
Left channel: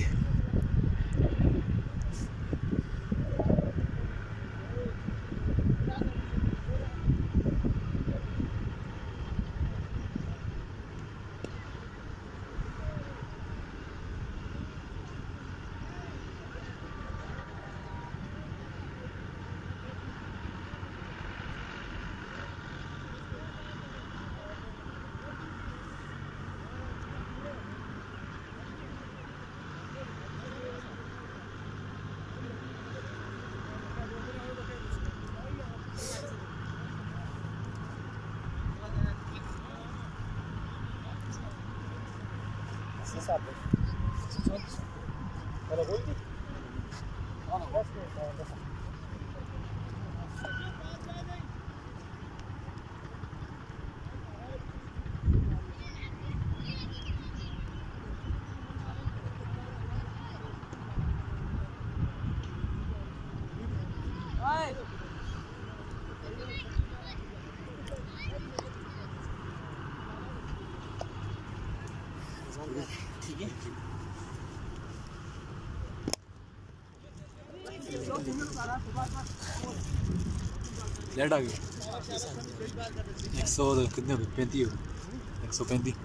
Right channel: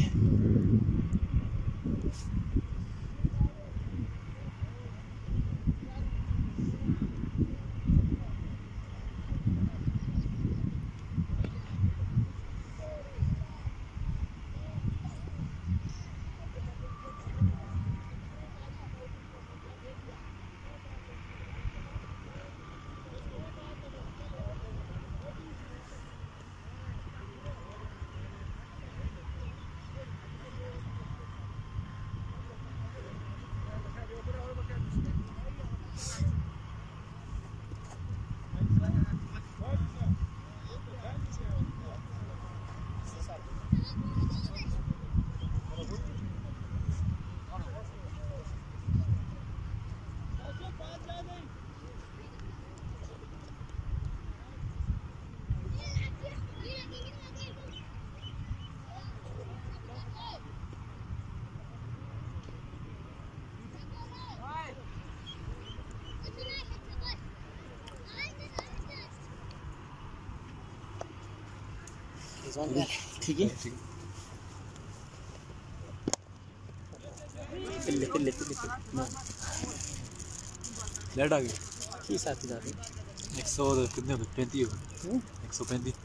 ठीक है लेट आ गई 100 कितने हो गए? 35 हो गए। 135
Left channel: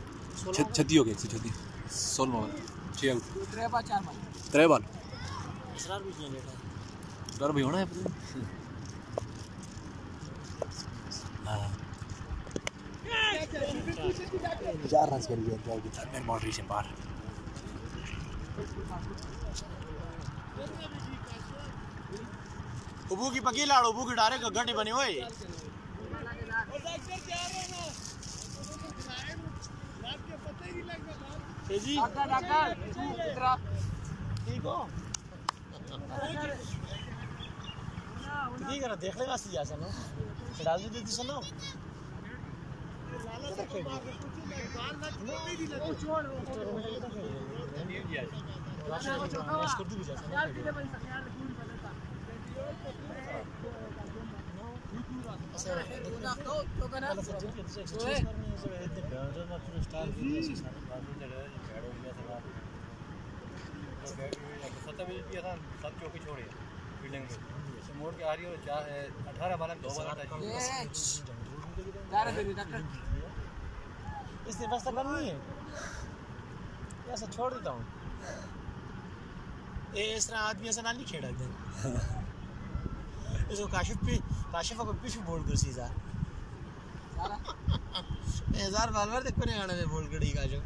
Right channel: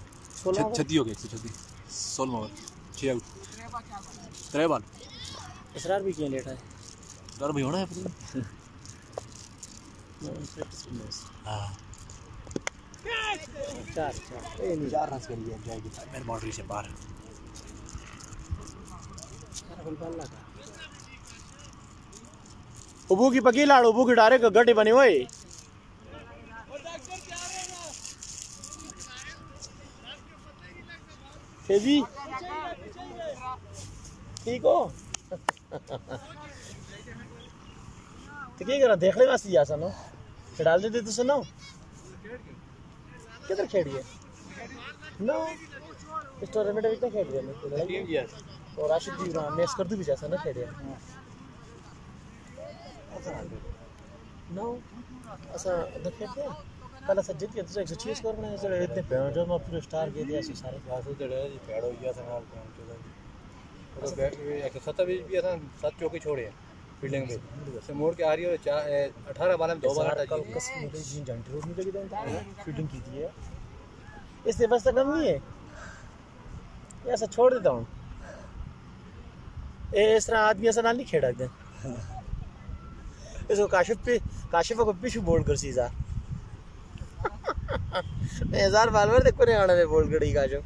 36 हो गए। 136 16 ओवर 6 आउट 3 बॉल। इसरार भी किया लेट है डर भी होना है पता नहीं। हाँ 4 रन कर लिए जाएगी मेन बाउंड्री से बाहर। उबू की पकी लाड़ उबू की डारे गड्ढे बने हुए। जी ठीक हो तो क्या करा देखने वास्ते जा सनो डाल देते तो सुनो किधर खेल रही है नो इस टूर्नामेंट में कितना खेल रही है और राशिद जी मैच कर दूं भी जैसा ना खेल रही है नो ऐसा देखते कल सज्जन के दूसरे 106 स्कोर में जो इतने पेनल्टी में पूरे स्टार के दिया सारे आसू तो बैड हो गया था ना तो बैट 127 भी था 7 चौके छोड़े फील्डिंग में से मोड़ के आ रही है 18 बाल में 2 बार हटा दिए फील्डिंग की थी इससे बस तक नहीं है ऐसा छोड़ देता हूँ इस तरह आदमी ऐसा ना नहीं खेड़ा एकदम इसको काशिफ को पिछू बोल्ड कर सीधा 1000 बालवर देखो नहीं आना बोल्ड करी काशिफ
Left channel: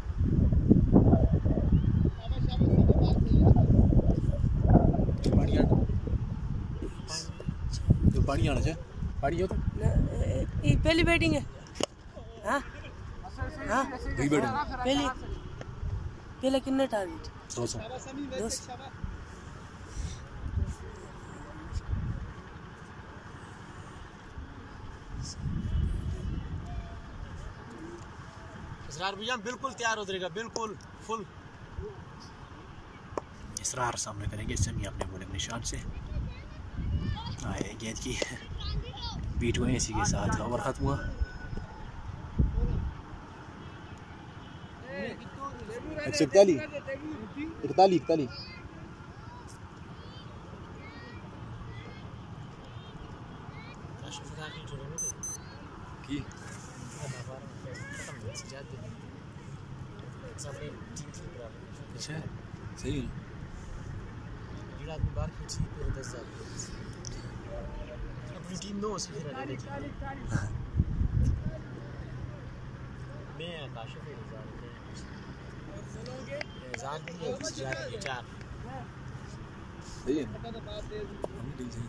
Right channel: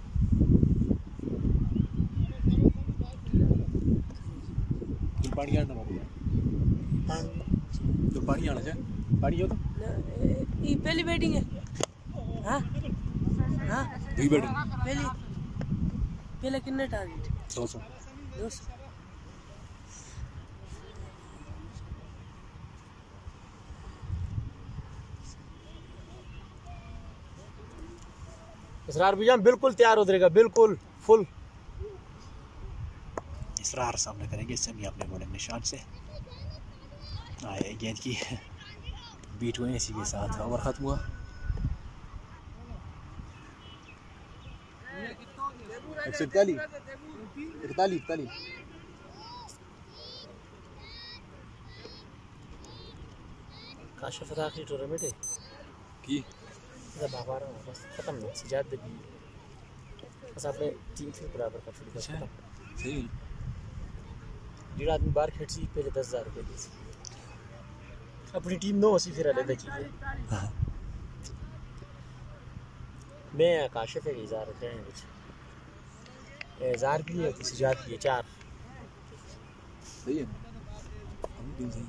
पानी आना तो पानी आना चाहिए पानी हो तो ये पहली बैटिंग है। हाँ हाँ दुई बैटिंग पहले कितने टारगेट 200 200 इसरार भी बिल्कुल तैयार हो जाएगा, बिल्कुल फुल। इसरार सामने करेंगे समी अपने बॉलिंग निशान से। आए गेंद की बीट हुए, इसी के साथ ओवर खत्म हुआ। 141 काशिफ आखिरी टूर्नामेंट है की खत्म नहीं सजाद दिन अपने टीम से बराबर कर सकते अच्छा सही है। डेढ़ आदमी बाहर खेल सी पहले 10,000 रुपये अपनी टीम 9 सी फिर अलग मैं काशिफ है 1000 रुपये हैं 1000 की है सजाद की 4 सही है अपनी टीम सही।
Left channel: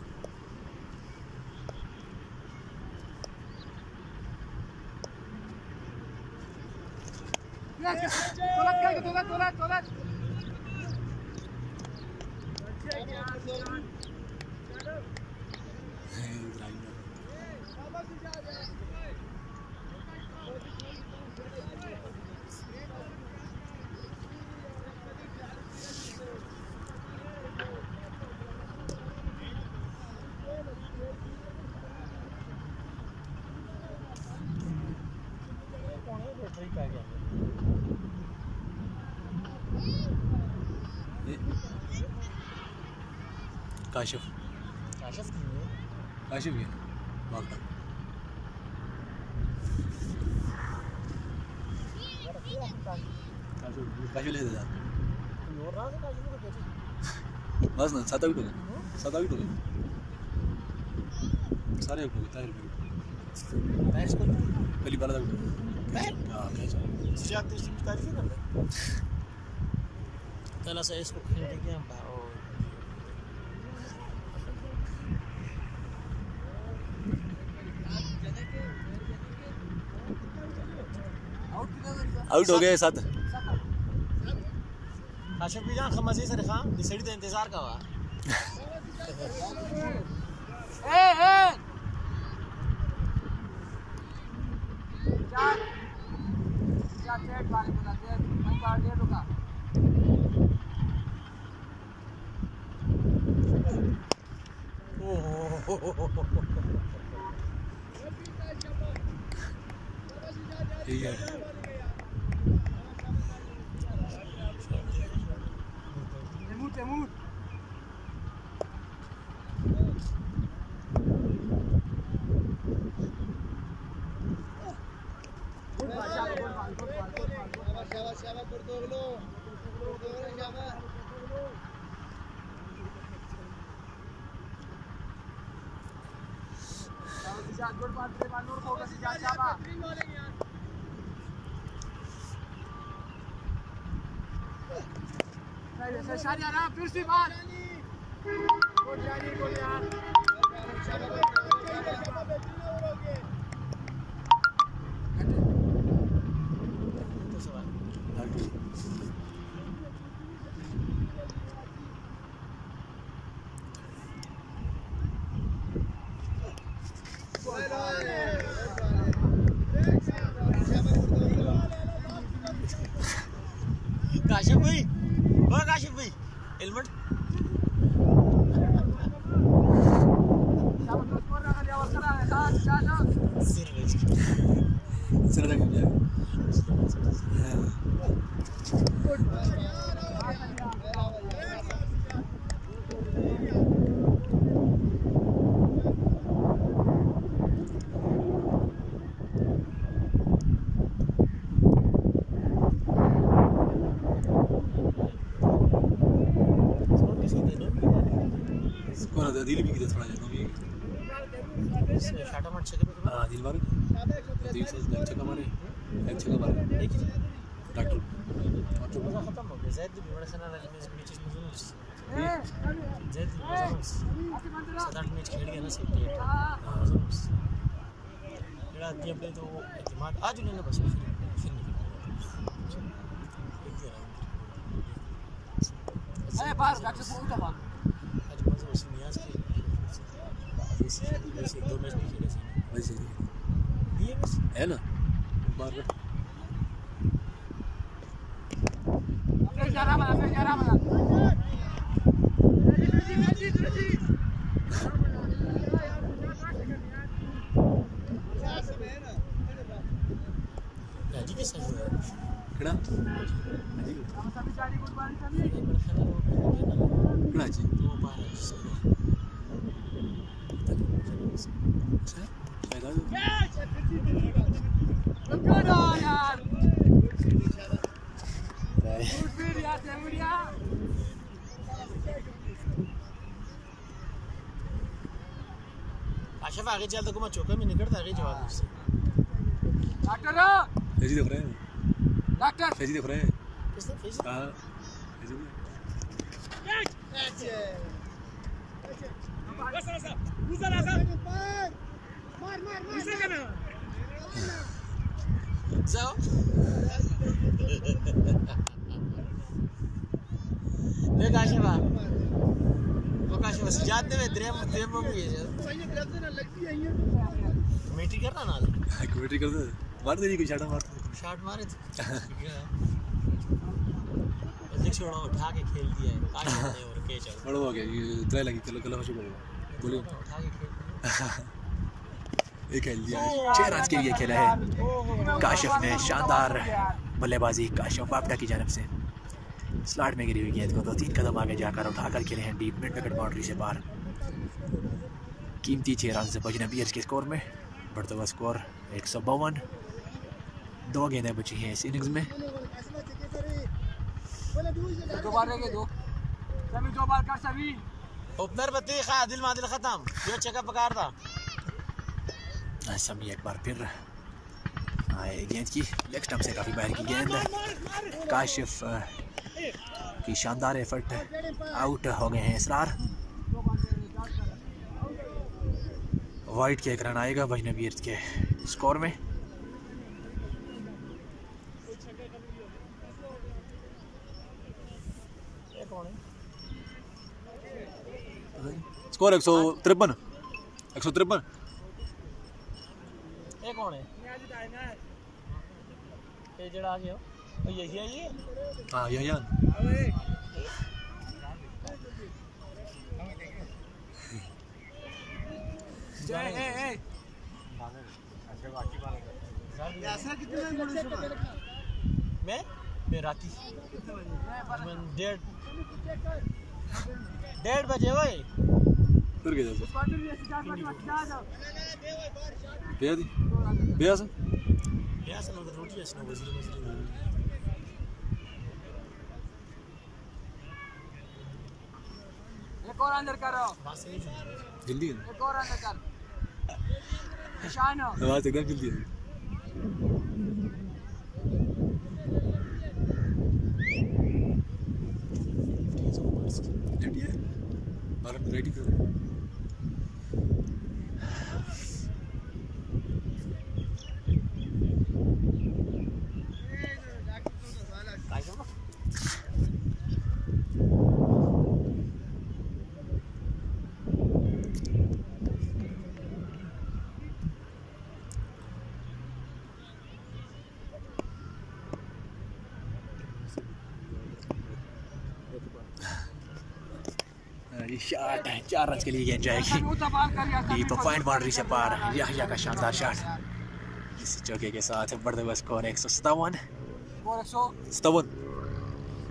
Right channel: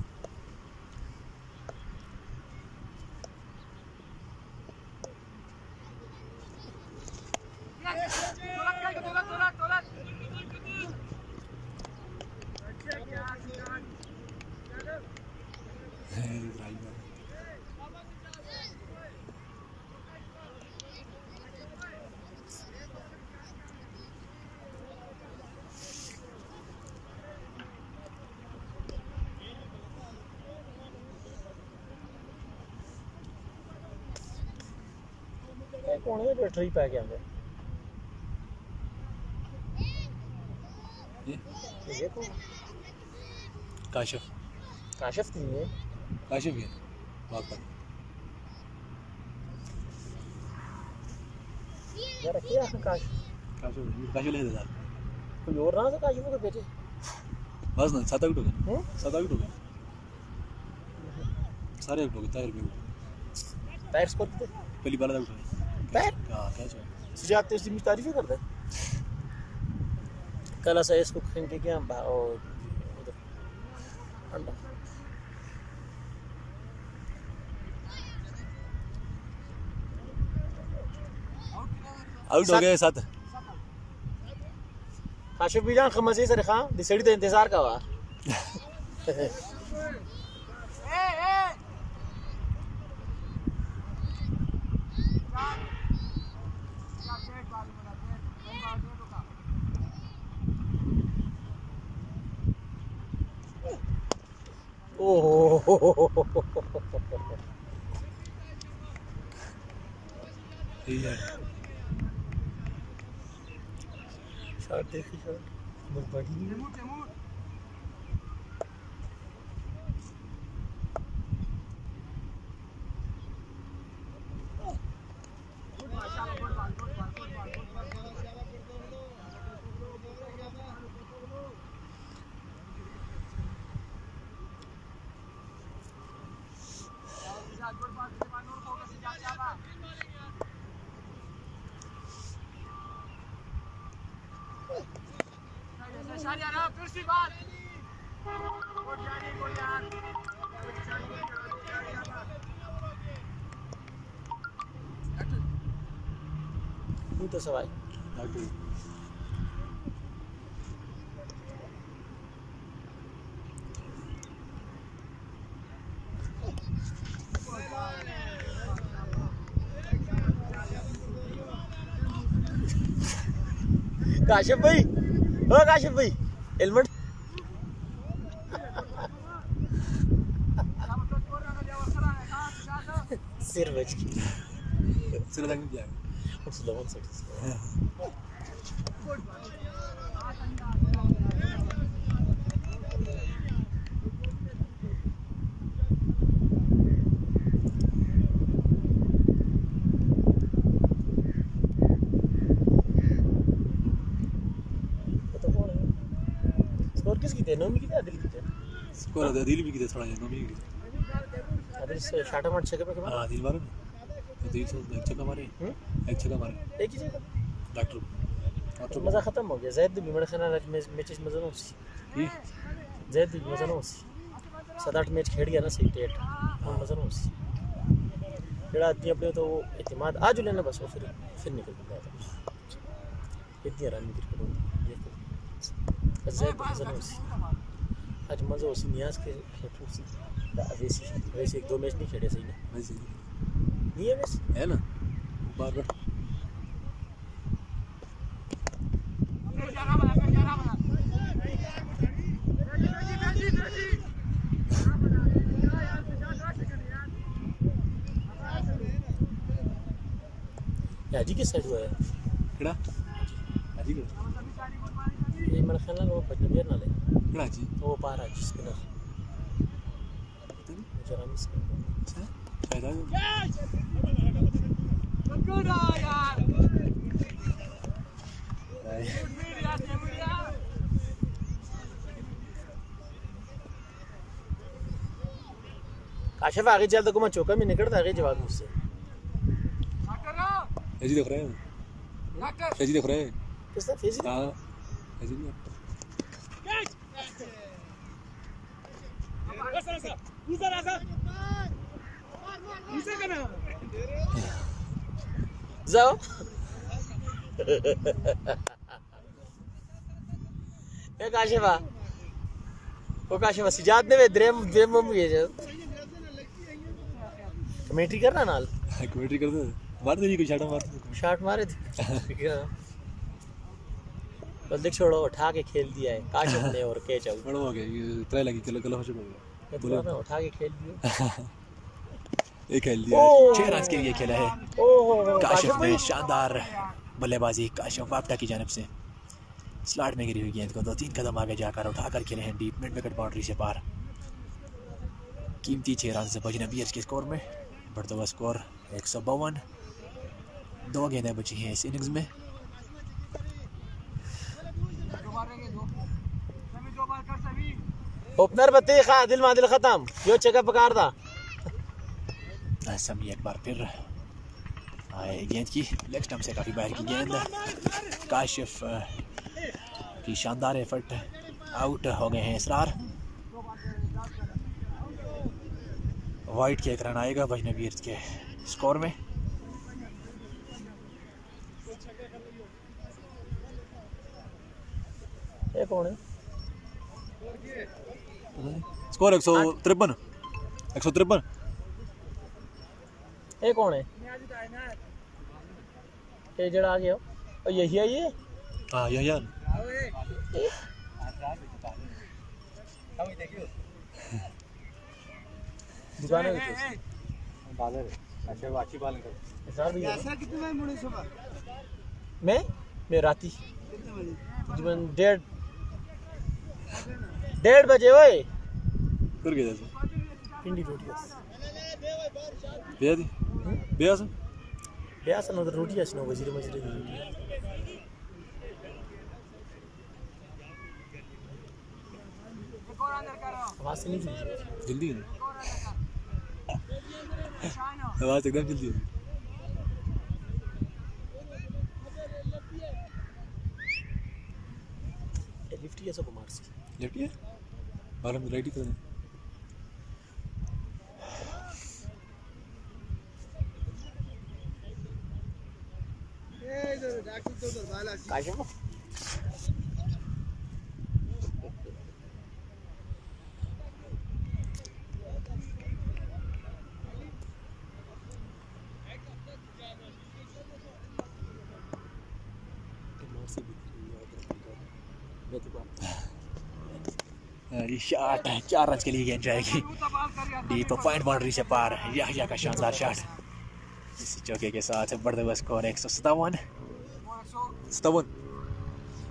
कौन है बैटरी पा गया ये तो काशिफ काशिफ की है काशिफ है वाकई यार क्या है काशिफ ले दे यार कोई और ना से काशिफ को भेजे बस ना 7 आउट हो गए 7 आउट हो गए सारे आउट हो गए टायर स्कोर पहली बार आउट हो गए हां क्या चाहिए जाते उसकी तारीफ कर ले कल ऐसा इसको खेल के हम और आउट हो गए 7 काशिफ भी जान खमसे सर खां दिसड़ी तो इंतजार का हुआ ठीक है फिर से बात तो सवाल काशिफ भाई ओ काशिफ भाई हेलमेट सिर बच सिर लग जाएगा स्कोर दिल भी कितने थोड़ा नोमी से शाटा मत छके पे हां दिल मारे दिल से एक छक्का मारे एक ही डॉक्टर मजा खत्म हो गया जैद भी मेरे ख्याल में मैचेस मजा नहीं जैद भी मजा नहीं 7-8 मैच खेल गया ना सही पेट मजा नहीं जेड़ा आदमी अपने तो एतमाद आज लेना बस वो फिर निकल गया इतनी रन आज मजा उसी नियाज के वैसे 1-2 मैच नहीं खेले सही वैसे दिए बस है ना बार बार हाजी के साइड हुआ है केड़ा हाजी ये मेरा ख्याल है वो पढ़ेंगे ना केड़ा हाजी वो पार है जिसके जरा अच्छा शायद आ काशिफ आगे चल तो को मैं चौका में निकलता आगे जवाब मुझसे हाजी देख रहे हैं हाजी देख रहे हैं किसने फेस हां हाजी जाओ ने काशिफा वो काशिफा सजाद ने वे द्रेम मम्मी है जो कमेंट्री करना नाल कमेंट्री कर दे मार दे कोई शॉट मारे थे बस देख छोड़ो उठा के खेल दिया है काशिफ ने और के चल बड़ा हो गया ये ट्राई लगी चलो हो चुका है बोले उठा के खेल दिया ये खेल दिया 6 रन के लिए खेला है काशिफ ने शानदार बल्लेबाजी काशिफ वापटा की जानिब से स्लॉट में गिरी हुई गेंद को 2-3 कदम आगे जाकर उठाकर खेले हैं डीप मिड विकेट बाउंड्री से पार कीमती 6 रन से अजनबियर्स के स्कोर में बढ़ता हुआ स्कोर 152 2 गेंदें बची हैं इस इनिंग्स में ओपनर बतीखा दिल मादिल खत्म जो चेकअप पकार था समी एक बार फिर आए गेंद की लेग स्टंप से काफ़ी बाहर की गेंद काशिफ की शानदार एफर्ट आउट हो गए हैं इसरार वाइट के एक रन आएगा अजनबियत के स्कोर में ये कौन है स्कोर 153 ये कौन है ये जड़ा आ गया और यही है ये हाँ यही है मैं राती 1:30 बजे वही फिर गया जैसे बेयास ना रोटी ऐसी ना वजीर मस्जिद आवाज से नहीं जल्दी है आवाज एकदम जल्दी है लेफ्टी है बारह में रेडी कर दे काशिफ शॉट है 4 रन के लिए गेंद जाएगी डीप पॉइंट बाउंड्री से पार याहिया का शानदार शॉट इस चौके के साथ बढ़ते हुए स्कोर 157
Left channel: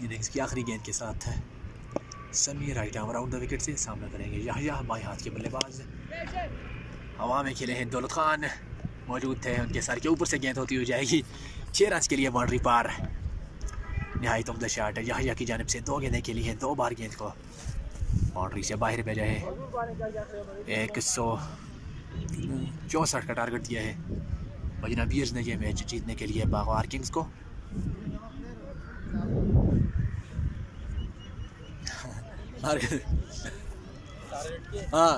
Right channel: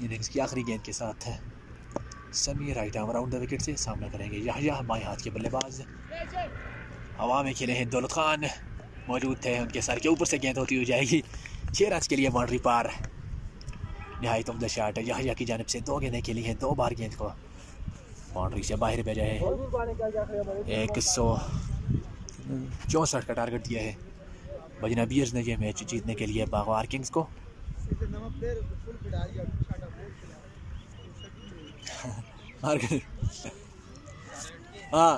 इनिंग्स की आखिरी गेंद के साथ समी right arm around the wicket से सामना करेंगे याहिया बाएं हाथ के बल्लेबाज हवा में खेले हैं दौलत खान मौजूद थे उनके सर के ऊपर से गेंद होती हुई जाएगी 6 रन के लिए बाउंड्री पार नहायत उम्दा शॉट याहिया की जानिब से 2 गेंदें खेली हैं 2 बार गेंद को बाउंड्री से बाहर भेजा है 164 का टारगेट दिया है अजनबियर्स ने यह मैच जीतने के लिए बागवार किंग्स को हाँ